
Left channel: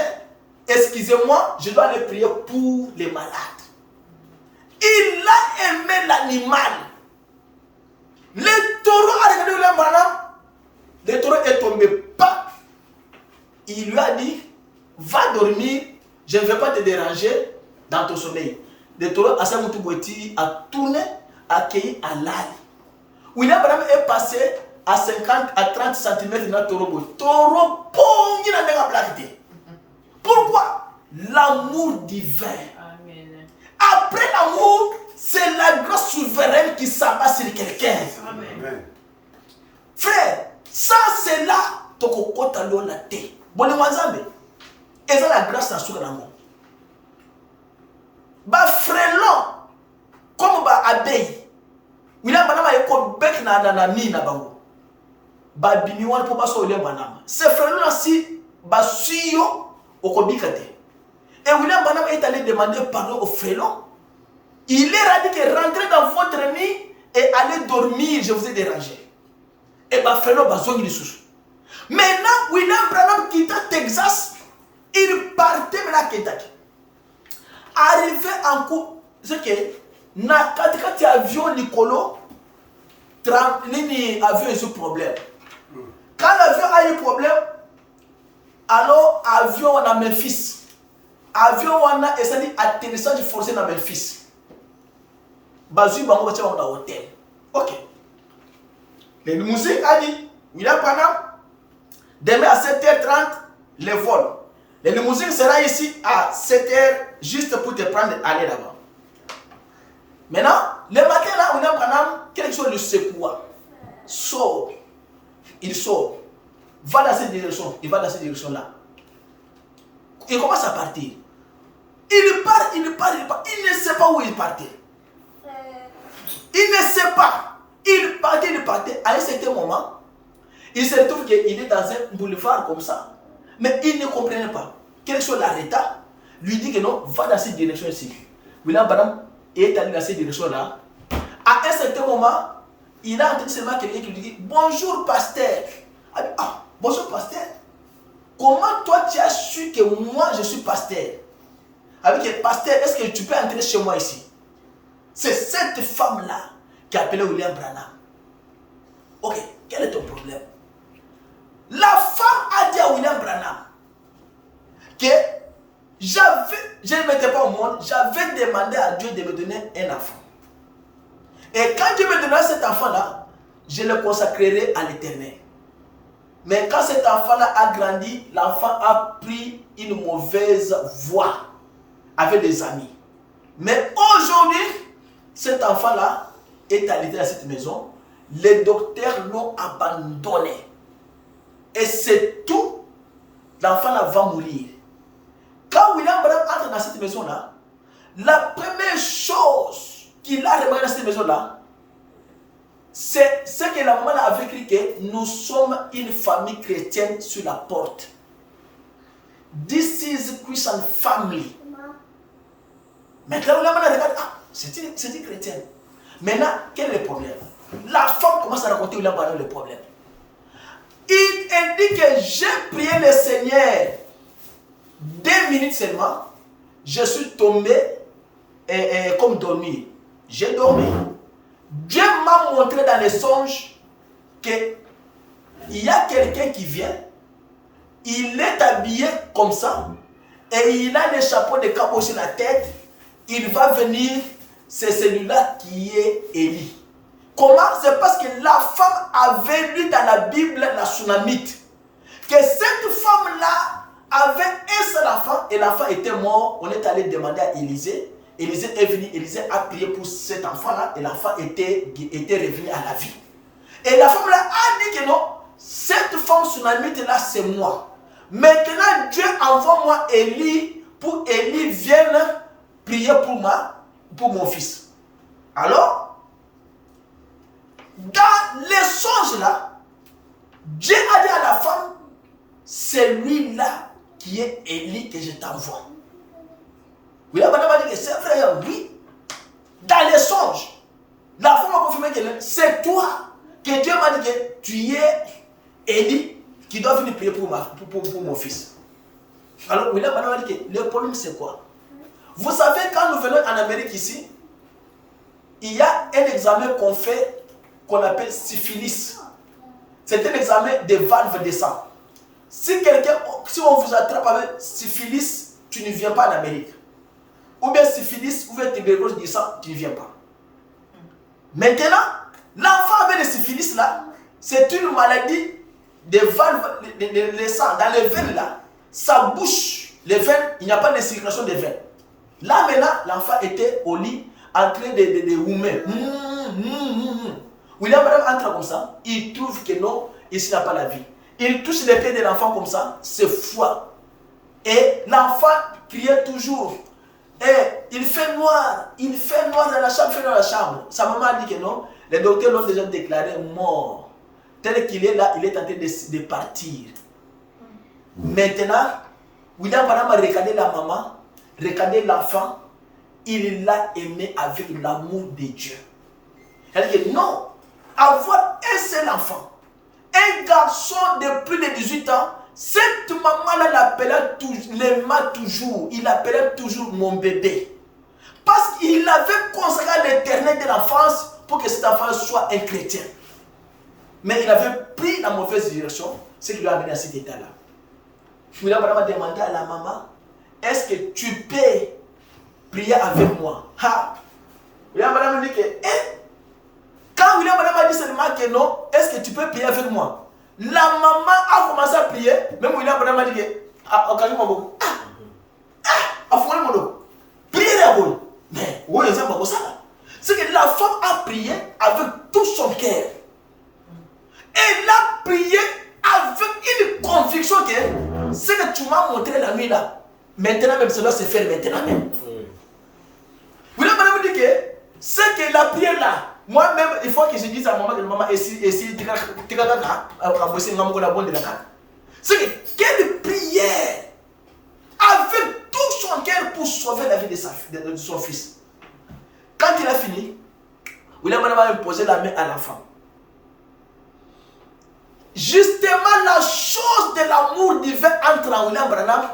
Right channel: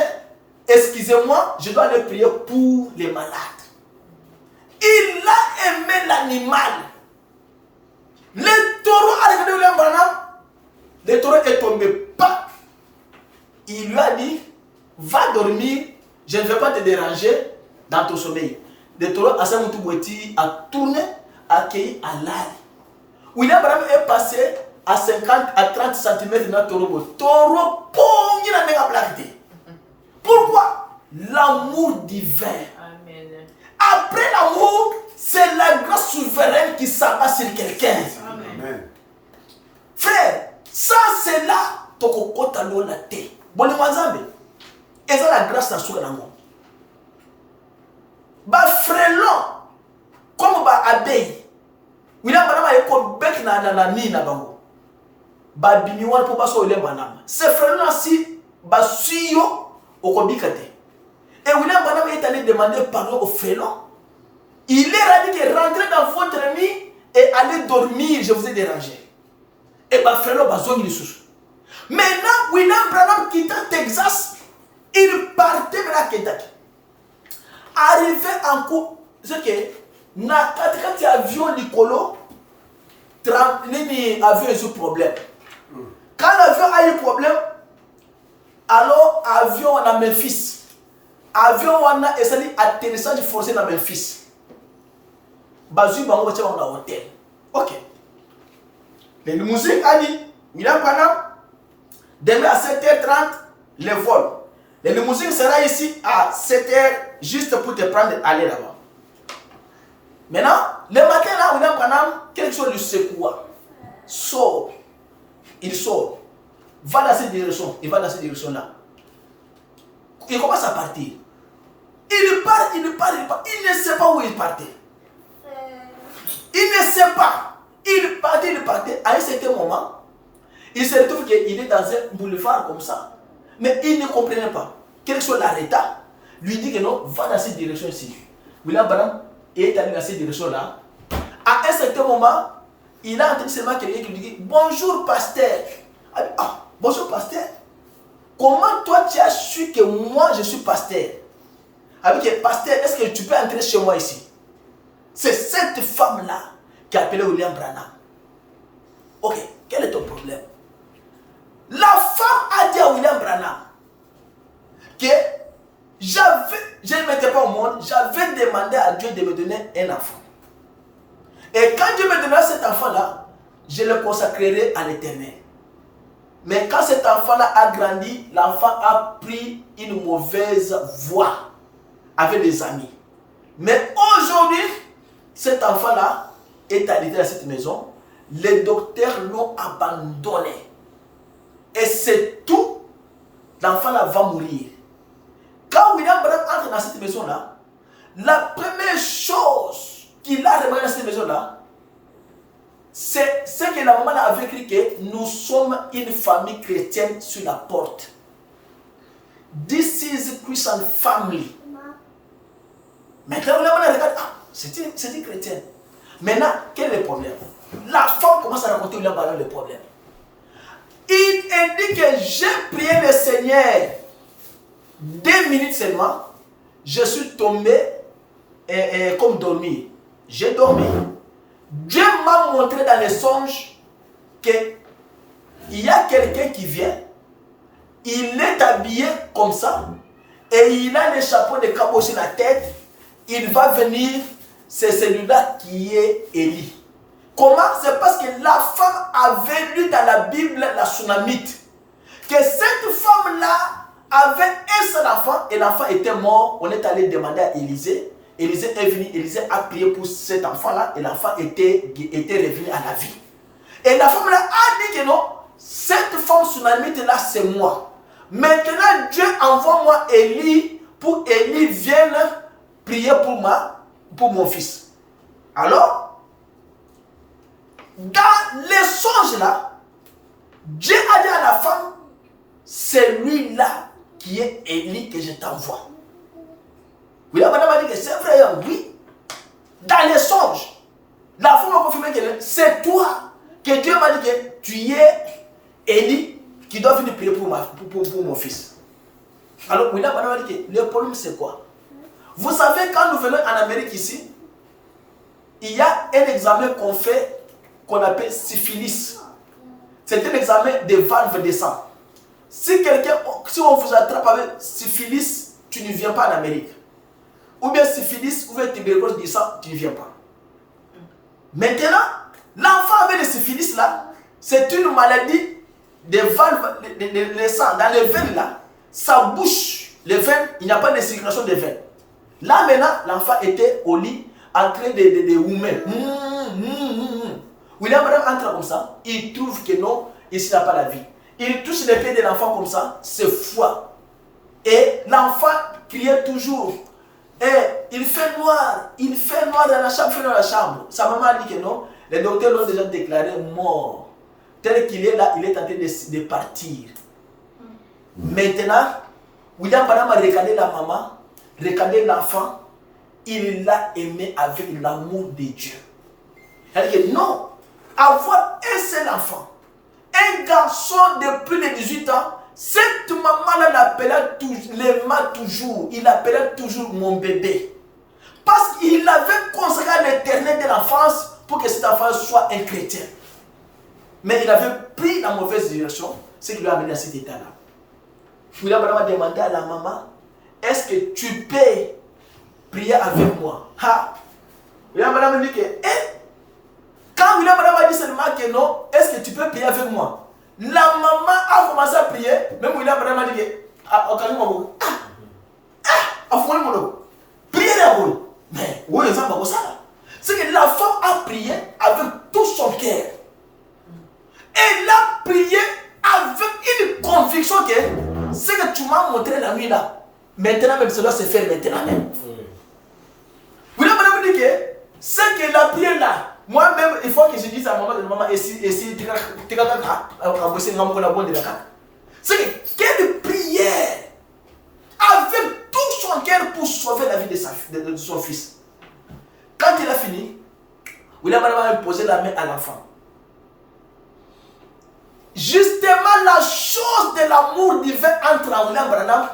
excusez-moi, je dois aller prier pour les malades. Il a aimé l'animal. Le taureau a regardé William Branham. Le taureau est tombé pas. Il lui a dit, va dormir, je ne vais pas te déranger dans ton sommeil. Le taureau a tourné, accueilli à l'âle. William Branham est passé à 50 à 30 cm dans le taureau. Taureau, il a déjà blagué. Pourquoi? L'amour divin. Amen. Après l'amour, c'est la grâce souveraine qui s'abat sur quelqu'un. Amen. Frère, ça c'est là ton kokota la té. Bon les et ça la grâce dans ce lango. Ba frélon comme ba abeille. William Branham a école bec na ni na bango. Ba bimi wan pour pas so William Branham. Ces frélon si ba suyo okobikate. Et William Branham est allé demander pardon au frélon. Il leur a dit que rentrez dans votre nid et allez dormir, je vous ai dérangé. Et bah frélon ba zongi sous. Maintenant William Branham quitta Texas, il partait maintenant à Kentucky. Arrivé en cours, c'est que na katikati avion Nicolo, avion a eu problème. Quand l'avion a eu problème, alors avion à Memphis. Avion a essayé d'atterrissage forcé dans Memphis. Bazu bango bacha dans hôtel. OK. Les limousines a dit William Branham demain à 7h30 le vol. Les limousines sera ici à 7h juste pour te prendre aller là-bas. Maintenant, le matin là, William Branham quelque chose le secoua. Sort. Il sort. va dans cette direction, il va dans cette direction-là. Il commence à partir. Il part. Il ne sait pas où il partait. Il ne sait pas. Il partait. À un certain moment, il se retrouve qu'il est dans un boulevard comme ça. Mais il ne comprenait pas. Quelque chose l'arrêta, lui dit que non, va dans cette direction-ci. William Branham est allé dans cette direction-là. À un certain moment, il a entendu seulement quelqu'un qui lui dit bonjour pasteur. Ah, bonjour pasteur. Comment toi tu as su que moi je suis pasteur? Avec pasteur, est-ce que tu peux entrer chez moi ici? C'est cette femme-là qui a appelé William Branham. Ok, quel est ton problème? La femme a dit à William Branham que je ne m'étais pas au monde, j'avais demandé à Dieu de me donner un enfant. Et quand Dieu me donnera cet enfant-là, je le consacrerai à l'Éternel. Mais quand cet enfant-là a grandi, l'enfant a pris une mauvaise voie avec des amis. Mais aujourd'hui, cet enfant-là est allé dans cette maison. Les docteurs l'ont abandonné. Et c'est tout. L'enfant-là va mourir. Quand William Branham entre dans cette maison-là, la première chose qu'il a remarqué dans cette maison-là, c'est ce que la maman avait écrit que nous sommes une famille chrétienne sur la porte. This is a Christian family. Maintenant, la maman regarde, ah, c'est une chrétienne. Maintenant, quel est le problème? La femme commence à raconter William Branham le problème. Il dit que j'ai prié le Seigneur 2 minutes seulement, je suis tombé comme dormi. J'ai dormi. Dieu m'a montré dans les songes qu'il y a quelqu'un qui vient, il est habillé comme ça, et il a le chapeau de cabot sur la tête, il va venir, c'est celui-là qui est Élie. Comment? C'est parce que la femme avait lu dans la Bible la Sunamite, que cette femme-là avait un seul enfant, et l'enfant était mort. On est allé demander à Élisée. Élisée est venu, Élisée a prié pour cet enfant-là, et l'enfant était revenu à la vie. Et la femme-là a dit que non, cette femme Sunamite-là, c'est moi. Maintenant, Dieu envoie-moi Élie, pour Élie vienne prier pour mon fils. Alors, dans les songes là, Dieu a dit à la femme, c'est lui-là qui est Élie que je t'envoie. William Branham a dit que c'est vrai, oui. Dans les songes, la femme a confirmé que c'est toi, que Dieu m'a dit que tu es Élie qui doit venir prier pour mon fils. Alors William Branham a dit que le problème c'est quoi? Vous savez, quand nous venons en Amérique ici, il y a un examen qu'on fait, qu'on appelle syphilis. C'est un examen des valves de sang. Si on vous attrape avec syphilis, tu ne viens pas en Amérique. Ou bien syphilis, ou bien tuberculose du sang, tu ne viens pas. Maintenant, l'enfant avec le syphilis là, c'est une maladie des valves, les sangs, dans les veines là, ça bouche les veines, il n'y a pas de circulation des veines. Là maintenant, l'enfant était au lit, en train de roumer. William Branham entre comme ça, il trouve que non, ici il n'a pas la vie. Il touche les pieds de l'enfant comme ça, c'est froid. Et l'enfant criait toujours. Et il fait noir dans la chambre, Sa maman a dit que non, les docteurs l'ont déjà déclaré mort. Tel qu'il est là, il est en train de partir. Maintenant, William Branham a regardé la maman, regardé l'enfant, il l'a aimé avec l'amour de Dieu. Il a dit que non, avoir un seul enfant, un garçon de plus de 18 ans, cette maman-là l'aimait toujours. Il l'appelait toujours mon bébé. Parce qu'il avait consacré à l'éternel de l'enfance pour que cet enfant soit un chrétien. Mais il avait pris la mauvaise direction, ce qui lui a amené à cet état-là. William Branham a demandé à la maman, est-ce que tu peux prier avec moi? William Branham a dit que, quand William Branham a dit seulement que non, est-ce que tu peux prier avec moi? La maman a commencé à prier, même William Branham a dit que, priez à vous. Mais, oui, ça va ça là. C'est que la femme a prié avec tout son cœur. Elle a prié avec une conviction que ce que tu m'as montré la nuit là, maintenant même, ça doit se faire maintenant même. Vous voulez madame dire que c'est que la prière là, moi-même, il faut que je dise à maman, c'est que quelle prière avec tout son cœur pour sauver la vie de son fils. Quand il a fini, William a posé la main à l'enfant. Justement, la chose de l'amour divin entre en William Branham,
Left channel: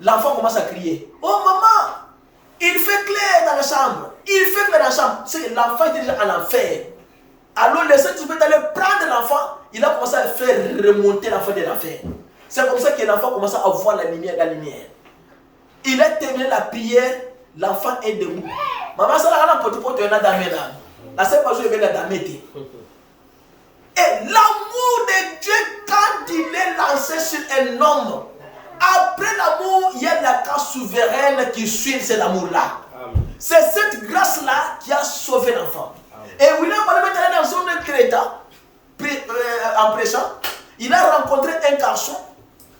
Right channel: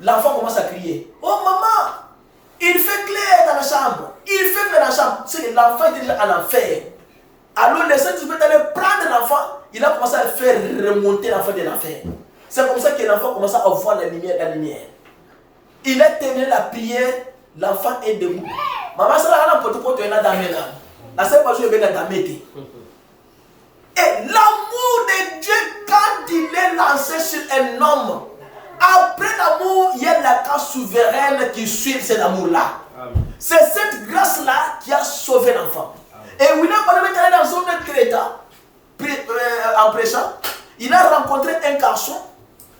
l'enfant commence à crier. Oh maman, il fait clair dans la chambre. Il fait clair dans la chambre. C'est que l'enfant était déjà en enfer. Alors le Saint-Esprit est allé prendre l'enfant. Il a commencé à faire remonter l'enfant de l'enfer. C'est comme ça que l'enfant commence à voir la lumière, Il a terminé la prière. L'enfant est debout. Maman, ça l'a rendu pour te donner la seule chose est la dame. Et l'amour de Dieu, quand il est lancé sur un homme, après l'amour, il y a la grâce souveraine qui suit cet amour-là. C'est cette grâce-là qui a sauvé l'enfant. Et William Branham est allé dans son Créta, en prêchant. Il a rencontré un garçon.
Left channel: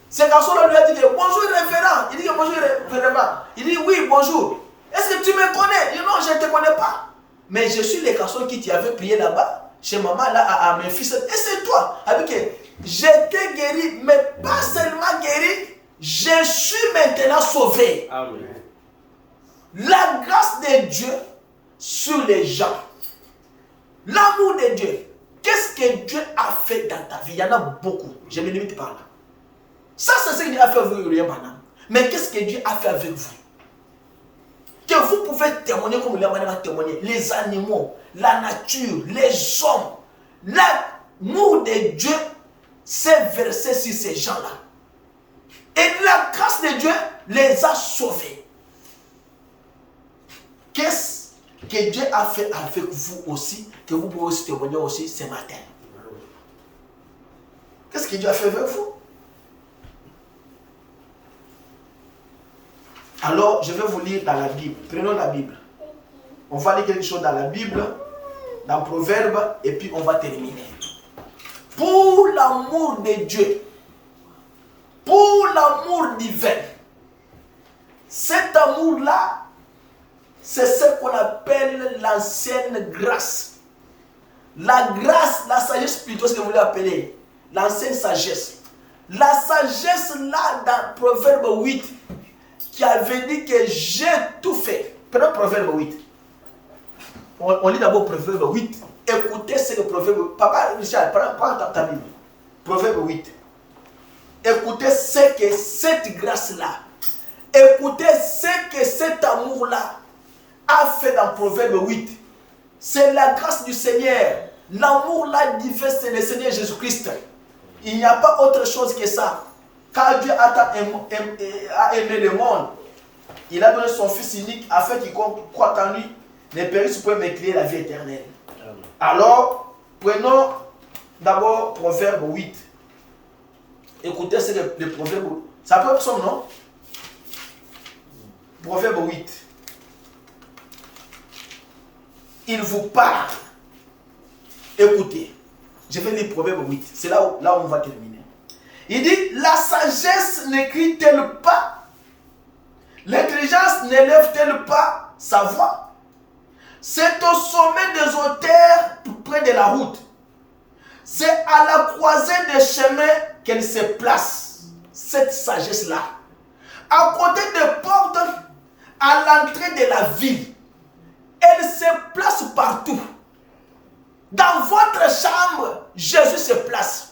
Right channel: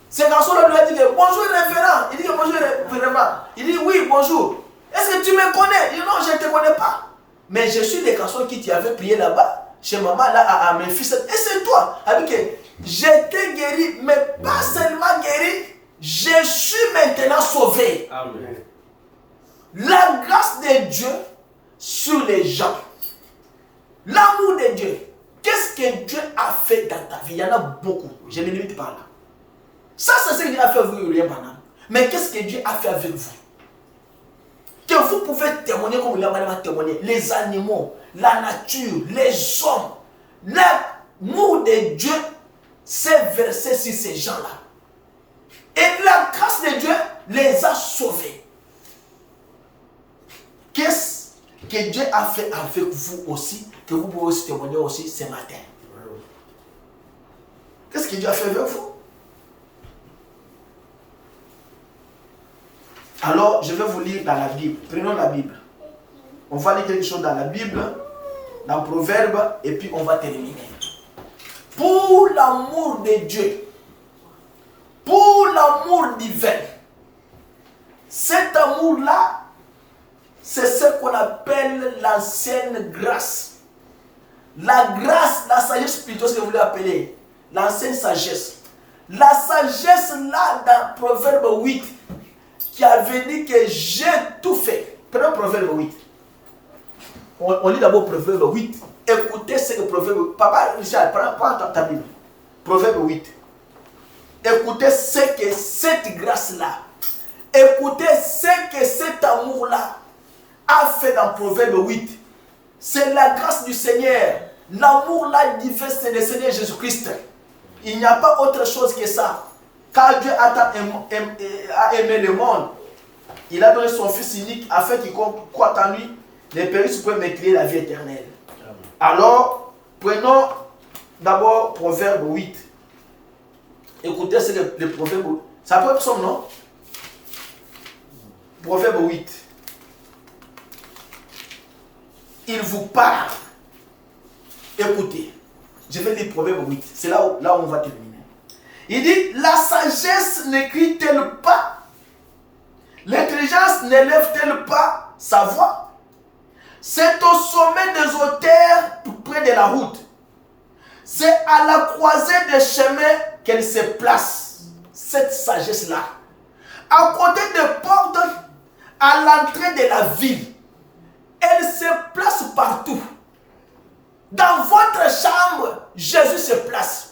Ce garçon-là lui a dit que bonjour révérend. Il dit que bonjour révérend. Il dit oui, bonjour. Est-ce que tu me connais? Il dit non, je ne te connais pas. Mais je suis le garçon qui t'avait prié là-bas, chez maman, là, à mes fils. Et c'est toi. Il dit que j'étais guéri, mais pas seulement guéri, je suis maintenant sauvé. Amen. La grâce de Dieu sur les gens. L'amour de Dieu. Qu'est-ce que Dieu a fait dans ta vie? Il y en a beaucoup. Je me limite par là. Ça, c'est ce que Dieu a fait avec vous, William Branham. Mais qu'est-ce que Dieu a fait avec vous? Que vous pouvez témoigner comme William Branham a témoigné. Les animaux, la nature, les hommes. L'amour de Dieu s'est versé sur ces gens-là. Et la grâce de Dieu les a sauvés. Qu'est-ce que Dieu a fait avec vous aussi, que vous pouvez aussi témoigner aussi ce matin? Qu'est-ce que Dieu a fait avec vous? Alors, je vais vous lire dans la Bible. Prenons la Bible. On va lire quelque chose dans la Bible, dans Proverbe, et puis on va terminer. Pour l'amour de Dieu, pour l'amour divin, cet amour-là, c'est ce qu'on appelle l'ancienne grâce. La grâce, la sagesse plutôt, ce que vous voulez appeler, l'ancienne sagesse. La sagesse là, dans Proverbe 8, qui avait dit que j'ai tout fait. Prenons Proverbe 8. On lit d'abord Proverbe 8. Écoutez ce que Proverbe... Papa Richard, prends ta Bible. Proverbe 8. Écoutez ce que cette grâce-là, écoutez ce que cet amour-là a fait dans Proverbe 8. C'est la grâce du Seigneur. L'amour-là divin, c'est le Seigneur Jésus-Christ. Il n'y a pas autre chose que ça. Car Dieu a aimé le monde, il a donné son Fils unique afin qu'il croit en lui ne périsse point mais qu'il ait la vie éternelle. Amen. Alors, prenons d'abord Proverbe 8. Écoutez, c'est le Proverbe. Ça peut être son nom? Proverbe 8. Il vous parle. Écoutez, je vais lire Proverbe 8. C'est là où on va terminer. Il dit, la sagesse n'écrit-elle pas? L'intelligence n'élève-t-elle pas sa voix? C'est au sommet des hauteurs, près de la route. C'est à la croisée des chemins qu'elle se place. Cette sagesse-là. À côté des portes, à l'entrée de la ville. Elle se place partout. Dans votre chambre, Jésus se place.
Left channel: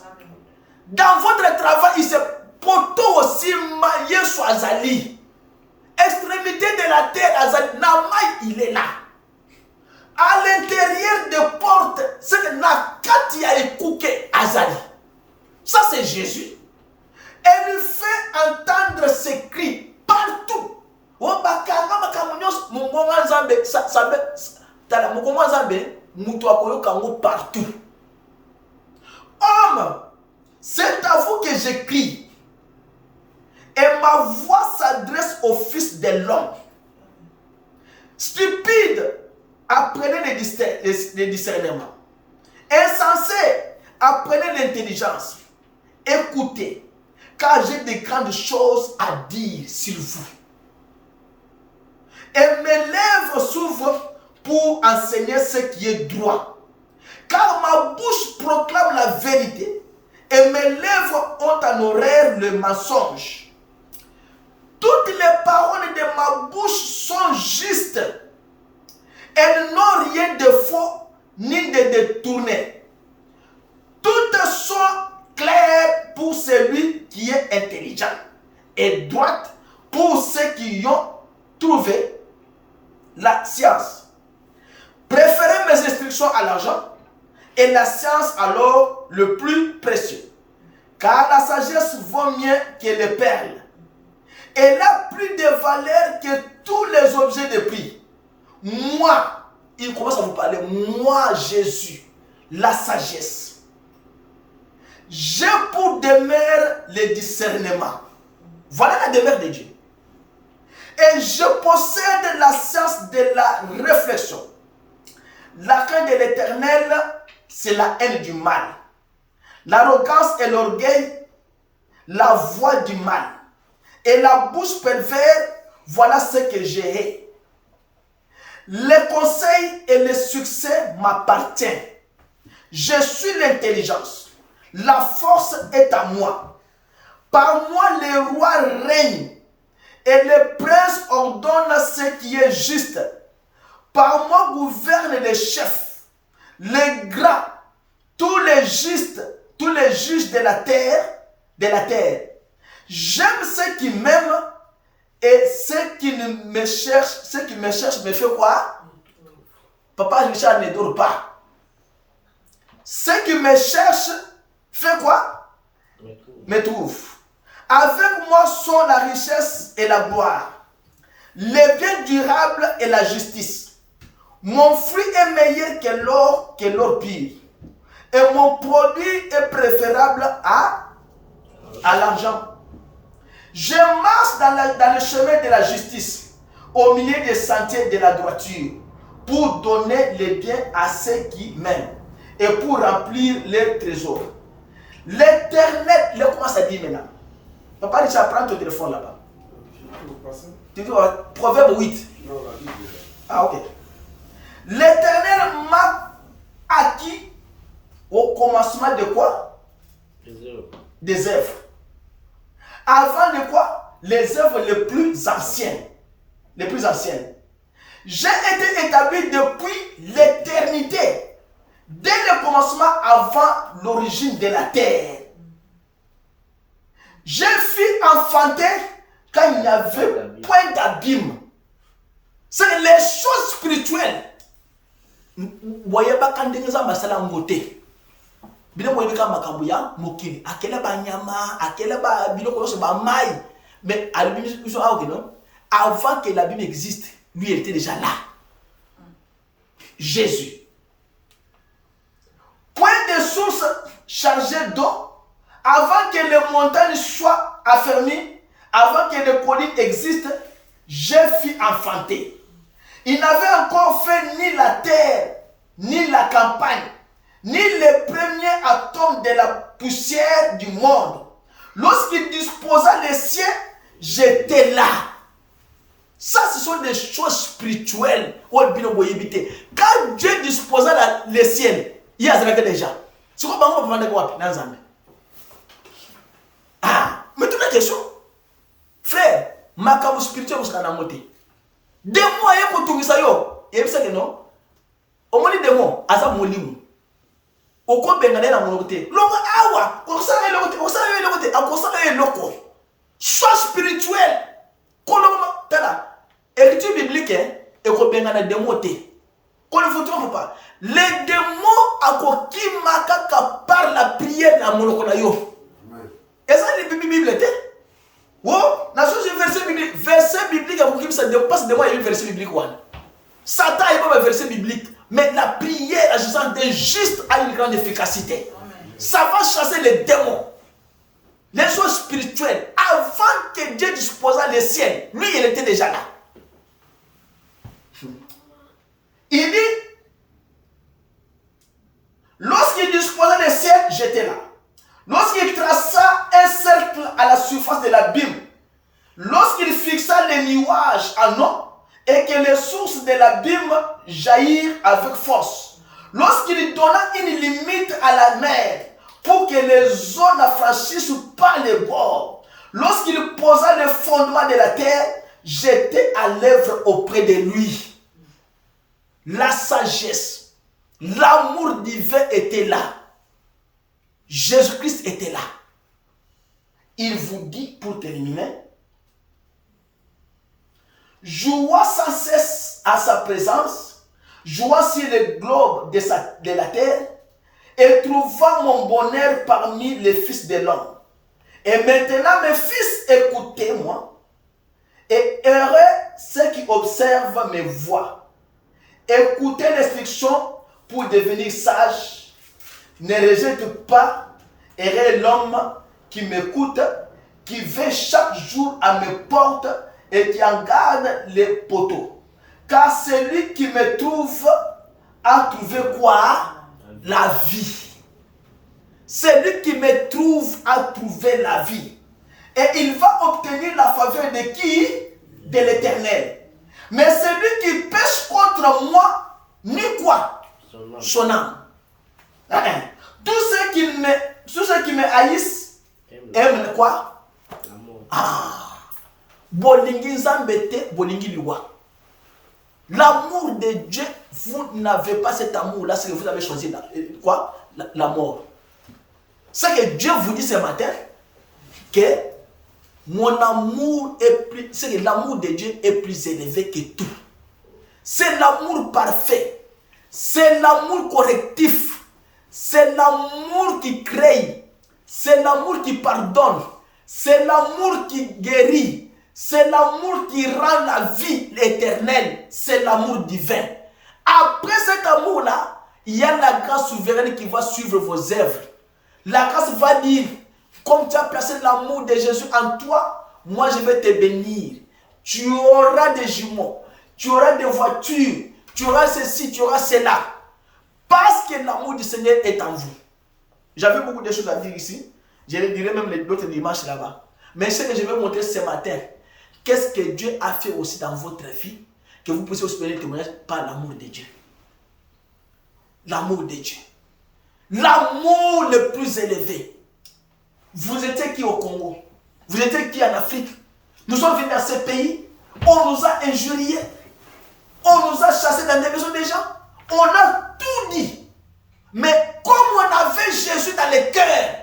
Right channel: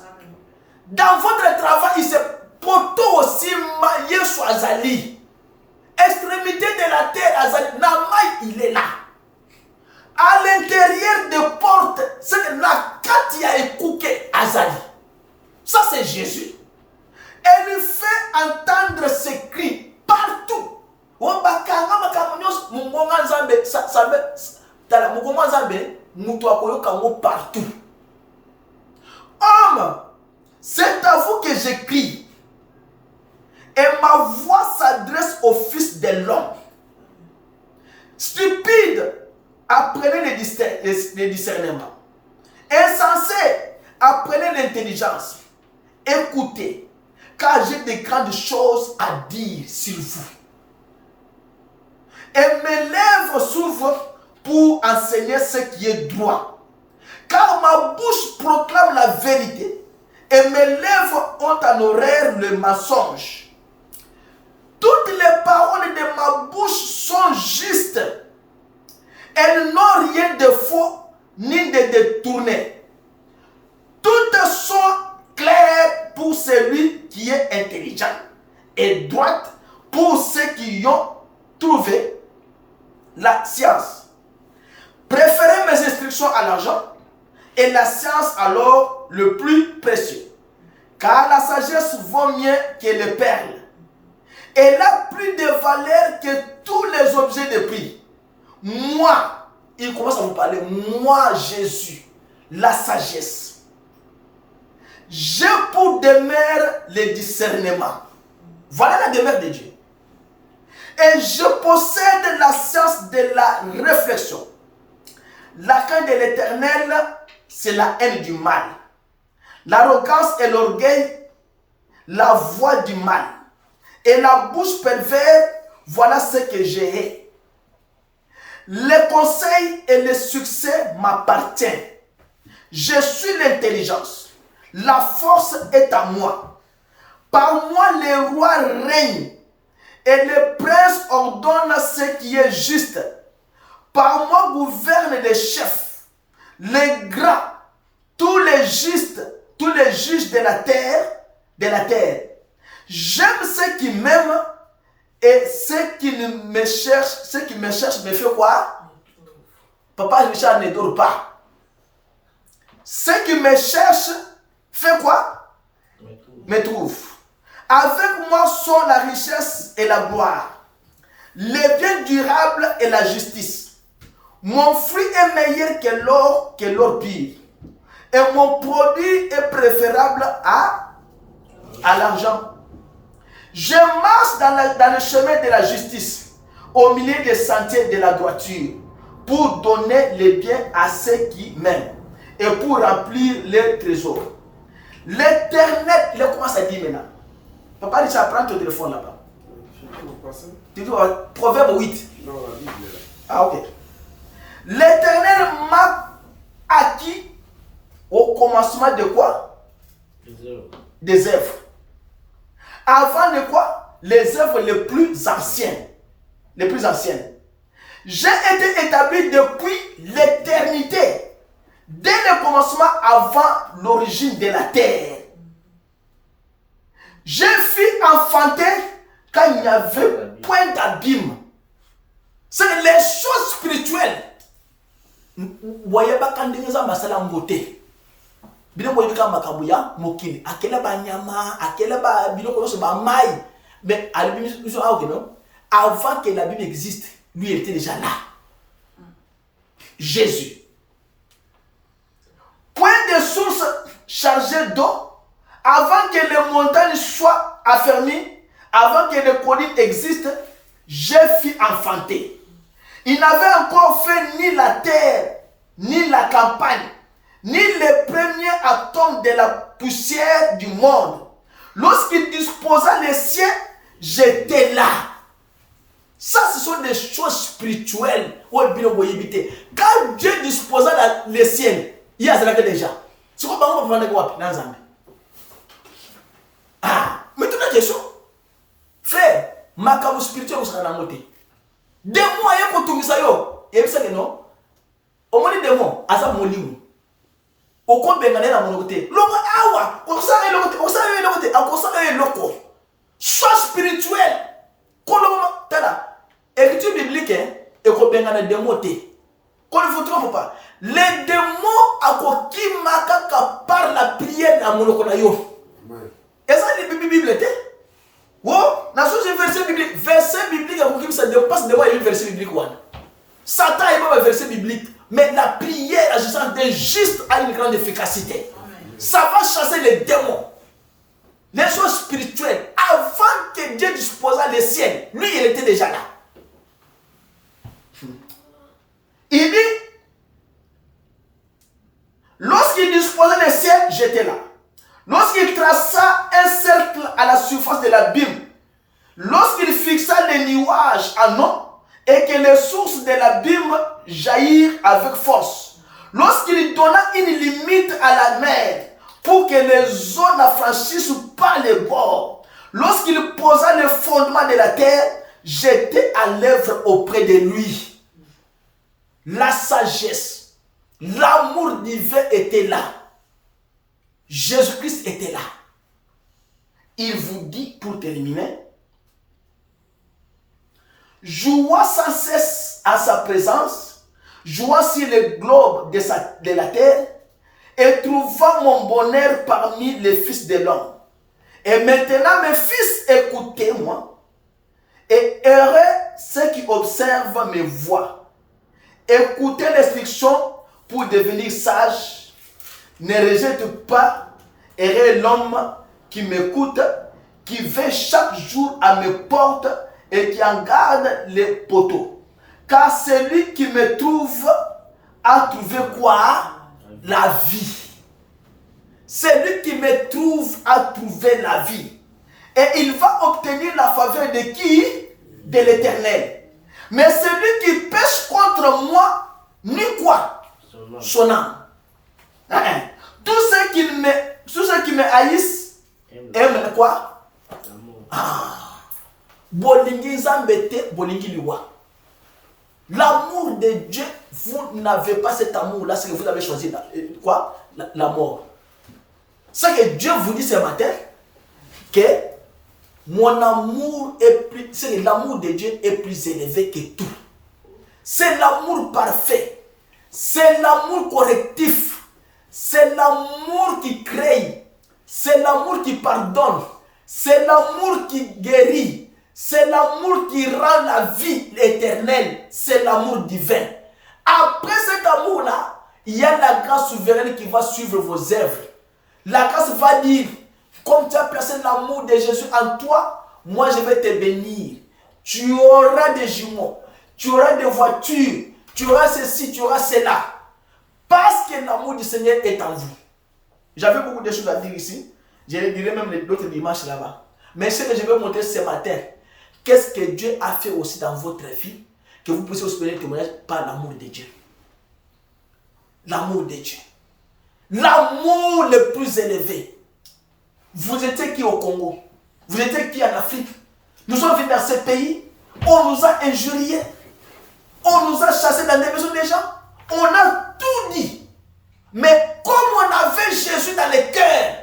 Dans votre travail, il se poto aussi maillé sur Azali. Extrémité de la terre, Azali. Namai, il est là. À l'intérieur des portes, c'est que la Katia est coupée Azali. Ça, c'est Jésus. Elle lui fait entendre ses cris partout. Partout. Homme, c'est à vous que j'écris. Et ma voix s'adresse au Fils de l'homme. Stupide, apprenez le discernement. Insensé, apprenez l'intelligence. écoutez, car j'ai de grandes choses à dire sur vous. Et mes lèvres s'ouvrent pour enseigner ce qui est droit. Car ma bouche proclame la vérité et mes lèvres ont en horreur le mensonge. Toutes les paroles de ma bouche sont justes. Elles n'ont rien de faux ni de détourné. Toutes sont claires pour celui qui est intelligent et droites pour ceux qui ont trouvé la science. Préférez mes instructions à l'argent et la science alors le plus précieux. Car la sagesse vaut mieux que les perles. Elle a plus de valeur que tous les objets de prix. Moi, il commence à vous parler, moi Jésus, la sagesse. J'ai pour demeure le discernement. Voilà la demeure de Dieu. Et je possède la science de la réflexion. La crainte de l'Éternel, c'est la haine du mal. L'arrogance et l'orgueil, la voix du mal. Et la bouche perverse, voilà ce que j'ai. Les conseils et le succès m'appartiennent. Je suis l'intelligence. La force est à moi. Par moi, les rois règnent. Et les princes ordonnent ce qui est juste. Par moi gouvernent les chefs, les grands, tous les justes, tous les juges de la terre. J'aime ceux qui m'aiment et ceux qui me cherchent, me fait quoi? Papa Richard ne dort pas. Ceux qui me cherchent, fait quoi? Me trouvent. Avec moi sont la richesse et la gloire, les biens durables et la justice. Mon fruit est meilleur que l'or pur. Et mon produit est préférable à l'argent. Je marche dans le chemin de la justice, au milieu des sentiers de la droiture, pour donner les biens à ceux qui m'aiment et pour remplir leurs trésors. L'Éternel, il commence à dire maintenant. Papa Richard, prends ton téléphone là-bas. Tu dis Proverbe 8. Non, la Bible est là. Ah, ok. L'Éternel m'a acquis au commencement de quoi? Des œuvres. Avant de quoi? Les œuvres les plus anciennes. Les plus anciennes. J'ai été établi depuis l'éternité, dès le commencement avant l'origine de la terre. Je fus enfanté quand il n'y avait point d'abîme. C'est que les choses spirituelles. Voyez pas quand nous avons masala ngote. Bien voyez quand makabuya mokili. Akela ba nyama, akela ba bilo kono ba mai. Mais à la Bible ils sont ok non? Avant que la Bible existe, lui il était déjà là. Jésus. Point de source chargée d'eau. Avant que les montagnes soient affermies, avant que les collines existent, j'ai fui enfanter. Il n'avait encore fait ni la terre, ni la campagne, ni les premiers atomes de la poussière du monde. Lorsqu'il disposa les cieux, j'étais là. Ça, ce sont des choses spirituelles. Quand Dieu disposa les cieux, il y a déjà. C'est quoi on va prendre dans Zambie? Ah, maintenant la question. Frère, makabu spirituel vous sera dans moté. Des mois et pour tout ça yo, et ça que non. Au moins des mois, asa molimu. Au quoi bengane na monoté. Longa awa, on ça le côté, on ça le côté, on ça le loco. Soit spirituel. Koloma tala. Écriture biblique et ko bengane des moté. Qu'on ne vous trompe pas. Les démons à quoi qui makaka par la prière na monokona yo. Et ça, les Bible était. Oh, dans ce verset biblique, ça dépasse de moi, il y a un verset biblique. Satan n'est pas un verset biblique, mais la prière, l'agissant des justes, a une grande efficacité. Ça va chasser les démons, les choses spirituelles. Avant que Dieu disposa les ciels, lui, il était déjà là. Il dit, lorsqu'il disposa les ciels, j'étais là. Lorsqu'il traça face de l'abîme, lorsqu'il fixa les nuages en eau et que les sources de l'abîme jaillirent avec force, lorsqu'il donna une limite à la mer pour que les eaux n'affranchissent pas les bords, lorsqu'il posa le fondement de la terre, j'étais à l'œuvre auprès de lui. La sagesse, l'amour divin était là. Jésus-Christ était là. Il vous dit, pour terminer, jouant sans cesse à sa présence, jouant sur le globe de la terre, et trouvant mon bonheur parmi les fils de l'homme. Et maintenant, mes fils, écoutez-moi, et heureux ceux qui observent mes voies. Écoutez l'instruction pour devenir sage. Ne rejette pas, heureux l'homme qui m'écoute, qui veille chaque jour à mes portes et qui en garde les poteaux. Car celui qui me trouve a trouvé quoi? La vie. Celui qui me trouve a trouvé la vie. Et il va obtenir la faveur de qui? De l'Éternel. Mais celui qui pêche contre moi, ni quoi? Son âme. Tous ceux qui me haïssent aiment quoi? Bolingi zambete, bolingi liwa. L'amour de Dieu, vous n'avez pas cet amour-là, c'est que vous avez choisi quoi? La mort. C'est que Dieu vous dit ce matin que mon amour est plus, c'est que l'amour de Dieu est plus élevé que tout. C'est l'amour parfait. C'est l'amour correctif. C'est l'amour qui crée. C'est l'amour qui pardonne. C'est l'amour qui guérit. C'est l'amour qui rend la vie éternelle. C'est l'amour divin. Après cet amour-là, il y a la grâce souveraine qui va suivre vos œuvres. La grâce va dire, comme tu as placé l'amour de Jésus en toi, moi je vais te bénir. Tu auras des jumeaux, tu auras des voitures, tu auras ceci, tu auras cela. Parce que l'amour du Seigneur est en vous. J'avais beaucoup de choses à dire ici. Je les dirai même l'autre dimanche là-bas. Mais ce que je vais montrer ce matin, qu'est-ce que Dieu a fait aussi dans votre vie, que vous puissiez aussi donner le témoignage par l'amour de Dieu. L'amour de Dieu. L'amour le plus élevé. Vous étiez qui au Congo? Vous étiez qui en Afrique? Nous sommes venus dans ce pays. On nous a injuriés. On nous a chassés dans les maisons des gens. On a tout dit. Mais comme on avait Jésus dans le cœur,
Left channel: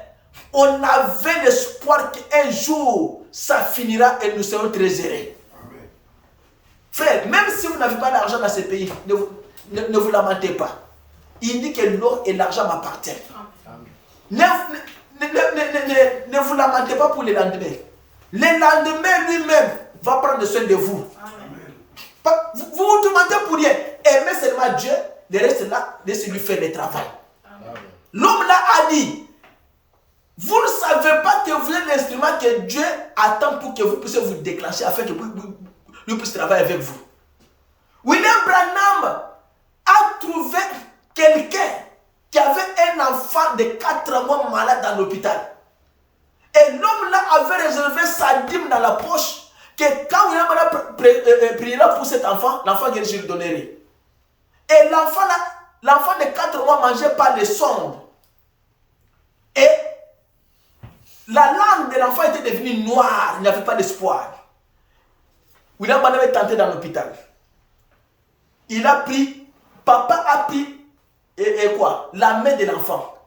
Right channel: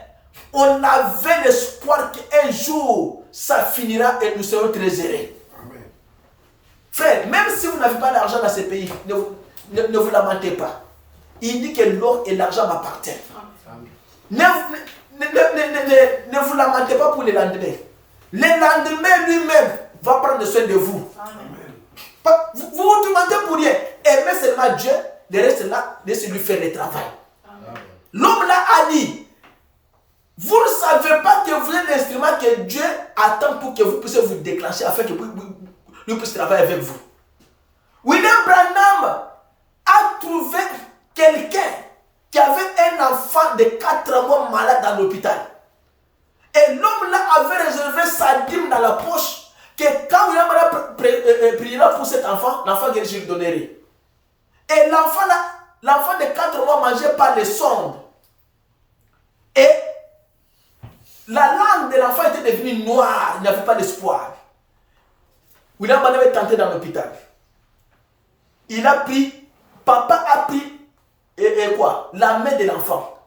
on avait l'espoir qu'un jour, ça finira et nous serons très heureux. Amen. Frère, même si vous n'avez pas d'argent dans ce pays, ne vous lamentez pas. Il dit que l'or et l'argent m'appartiennent. Ne vous lamentez pas pour le lendemain. Le lendemain lui-même va prendre soin de vous. Amen. Vous vous demandez pour rien. Aimez seulement Dieu, le reste là, laissez lui faire le travail. L'homme là a dit, vous ne savez pas que vous êtes l'instrument que Dieu attend pour que vous puissiez vous déclencher afin que lui puisse travailler avec vous. William Branham a trouvé quelqu'un qui avait un enfant de 4 mois malade dans l'hôpital. Et l'homme là avait réservé sa dîme dans la poche, que quand William Branham priera pour cet enfant, l'enfant guéri, je lui donnerai. Et l'enfant de 4 mois mangeait par les sondes. Et la langue de l'enfant était devenue noire, il n'y avait pas d'espoir. William Branham est entré dans l'hôpital. Papa a pris la main de l'enfant.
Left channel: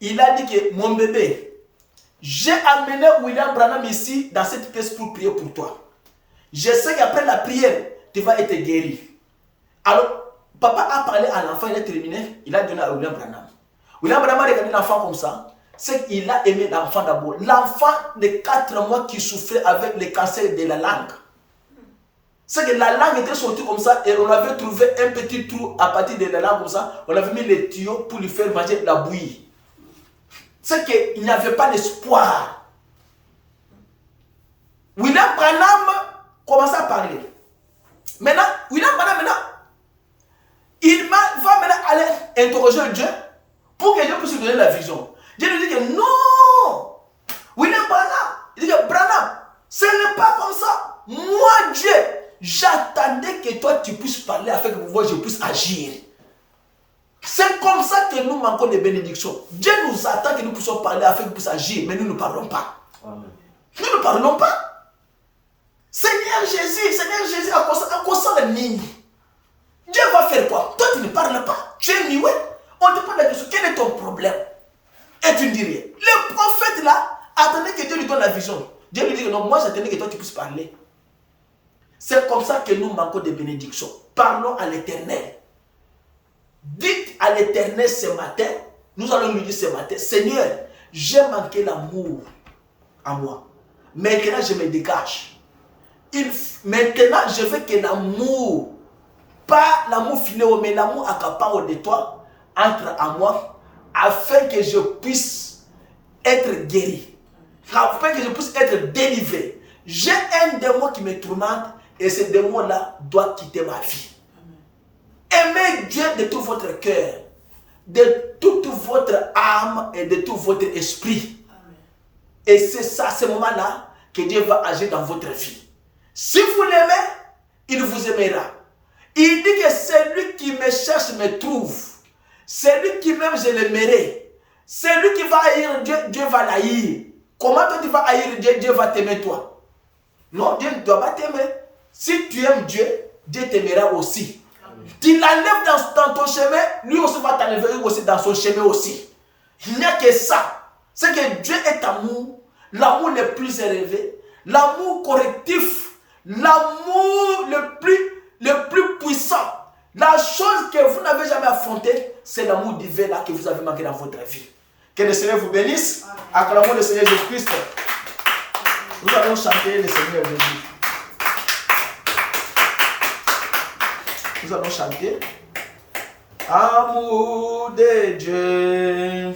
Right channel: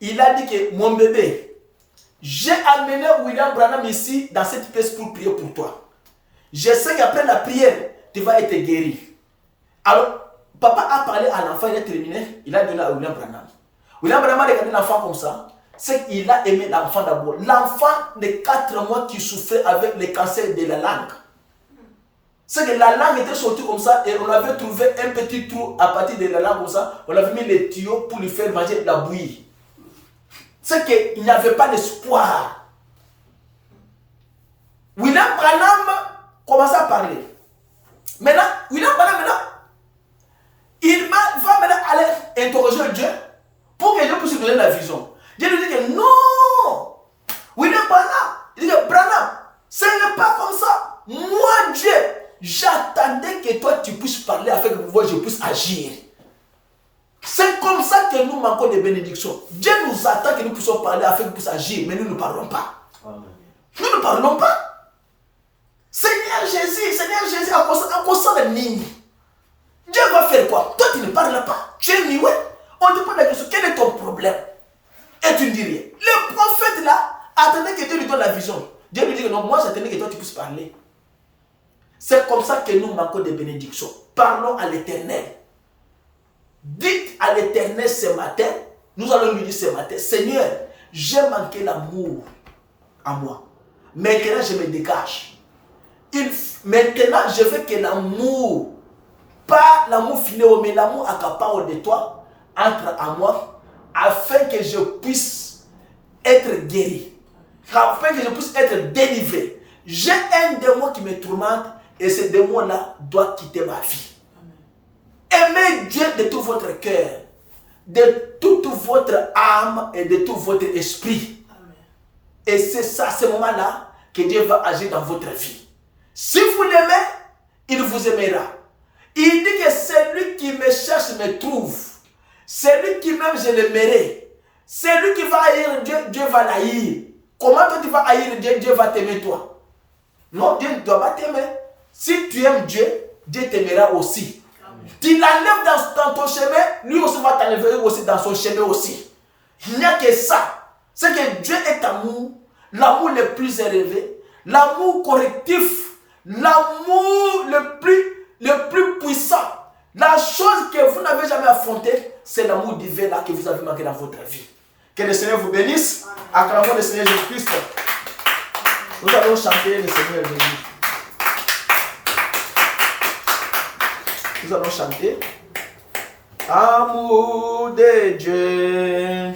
Il a dit que mon bébé, j'ai amené William Branham ici dans cette pièce pour prier pour toi. Je sais qu'après la prière, tu vas être guéri. Alors, papa a parlé à l'enfant, il a terminé, il a donné à William Branham. William Branham a regardé l'enfant comme ça. C'est qu'il a aimé l'enfant d'abord. L'enfant de 4 mois qui souffrait avec le cancer de la langue. C'est que la langue était sortie comme ça et on avait trouvé un petit trou à partir de la langue comme ça. On avait mis les tuyaux pour lui faire manger la bouillie. C'est qu'il n'y avait pas d'espoir. William Branham commence à parler. Maintenant, William Branham, il va maintenant aller interroger Dieu pour que Dieu puisse lui donner la vision. Dieu lui dit que non, William Branham, Il dit, Branham, ce n'est pas comme ça. Moi, Dieu, j'attendais que toi, tu puisses parler afin que moi, je puisse agir. C'est comme ça que nous manquons de bénédictions. Dieu nous attend que nous puissions parler afin que nous puissions agir, mais nous ne parlons pas. Nous ne parlons pas. Seigneur Jésus, à quoi ça le nid? Dieu va faire quoi? Toi, tu ne parles pas. Tu es muet. On te pose la question, quel est ton problème? Et tu ne dis rien. Le prophète là, attendait que Dieu lui donne la vision. Dieu lui dit que non, moi j'attendais que toi tu puisses parler. C'est comme ça que nous manquons de bénédictions. Parlons à l'Éternel. Dites à l'Éternel ce matin, nous allons lui dire ce matin, Seigneur, j'ai manqué l'amour à moi. Maintenant je me dégage. Maintenant je veux que l'amour, pas l'amour filéo, mais l'amour accapare de toi, entre à moi, afin que je puisse être guéri, afin que je puisse être délivré. J'ai un démon qui me tourmente et ce démon-là doit quitter ma vie. Aimez Dieu de tout votre cœur, de toute votre âme et de tout votre esprit. Amen. Et c'est ça, à ce moment-là, que Dieu va agir dans votre vie. Si vous l'aimez, il vous aimera. Il dit que celui qui me cherche me trouve. Celui qui m'aime, je l'aimerai. Celui qui va haïr Dieu, Dieu va l'haïr. Comment toi tu vas haïr Dieu, Dieu va t'aimer toi? Non, Dieu ne doit pas t'aimer. Si tu aimes Dieu, Dieu t'aimera aussi. Tu l'enlèves dans ton chemin, lui aussi va t'enlever aussi dans son chemin aussi. Il n'y a que ça. C'est que Dieu est amour, l'amour le plus élevé, l'amour correctif, l'amour le plus puissant. La chose que vous n'avez jamais affrontée, c'est l'amour divin là que vous avez manqué dans votre vie. Que le Seigneur vous bénisse. Acclamons le Seigneur Jésus-Christ. Nous allons chanter le Seigneur Jésus. Nous allons chanter. Amour de Dieu.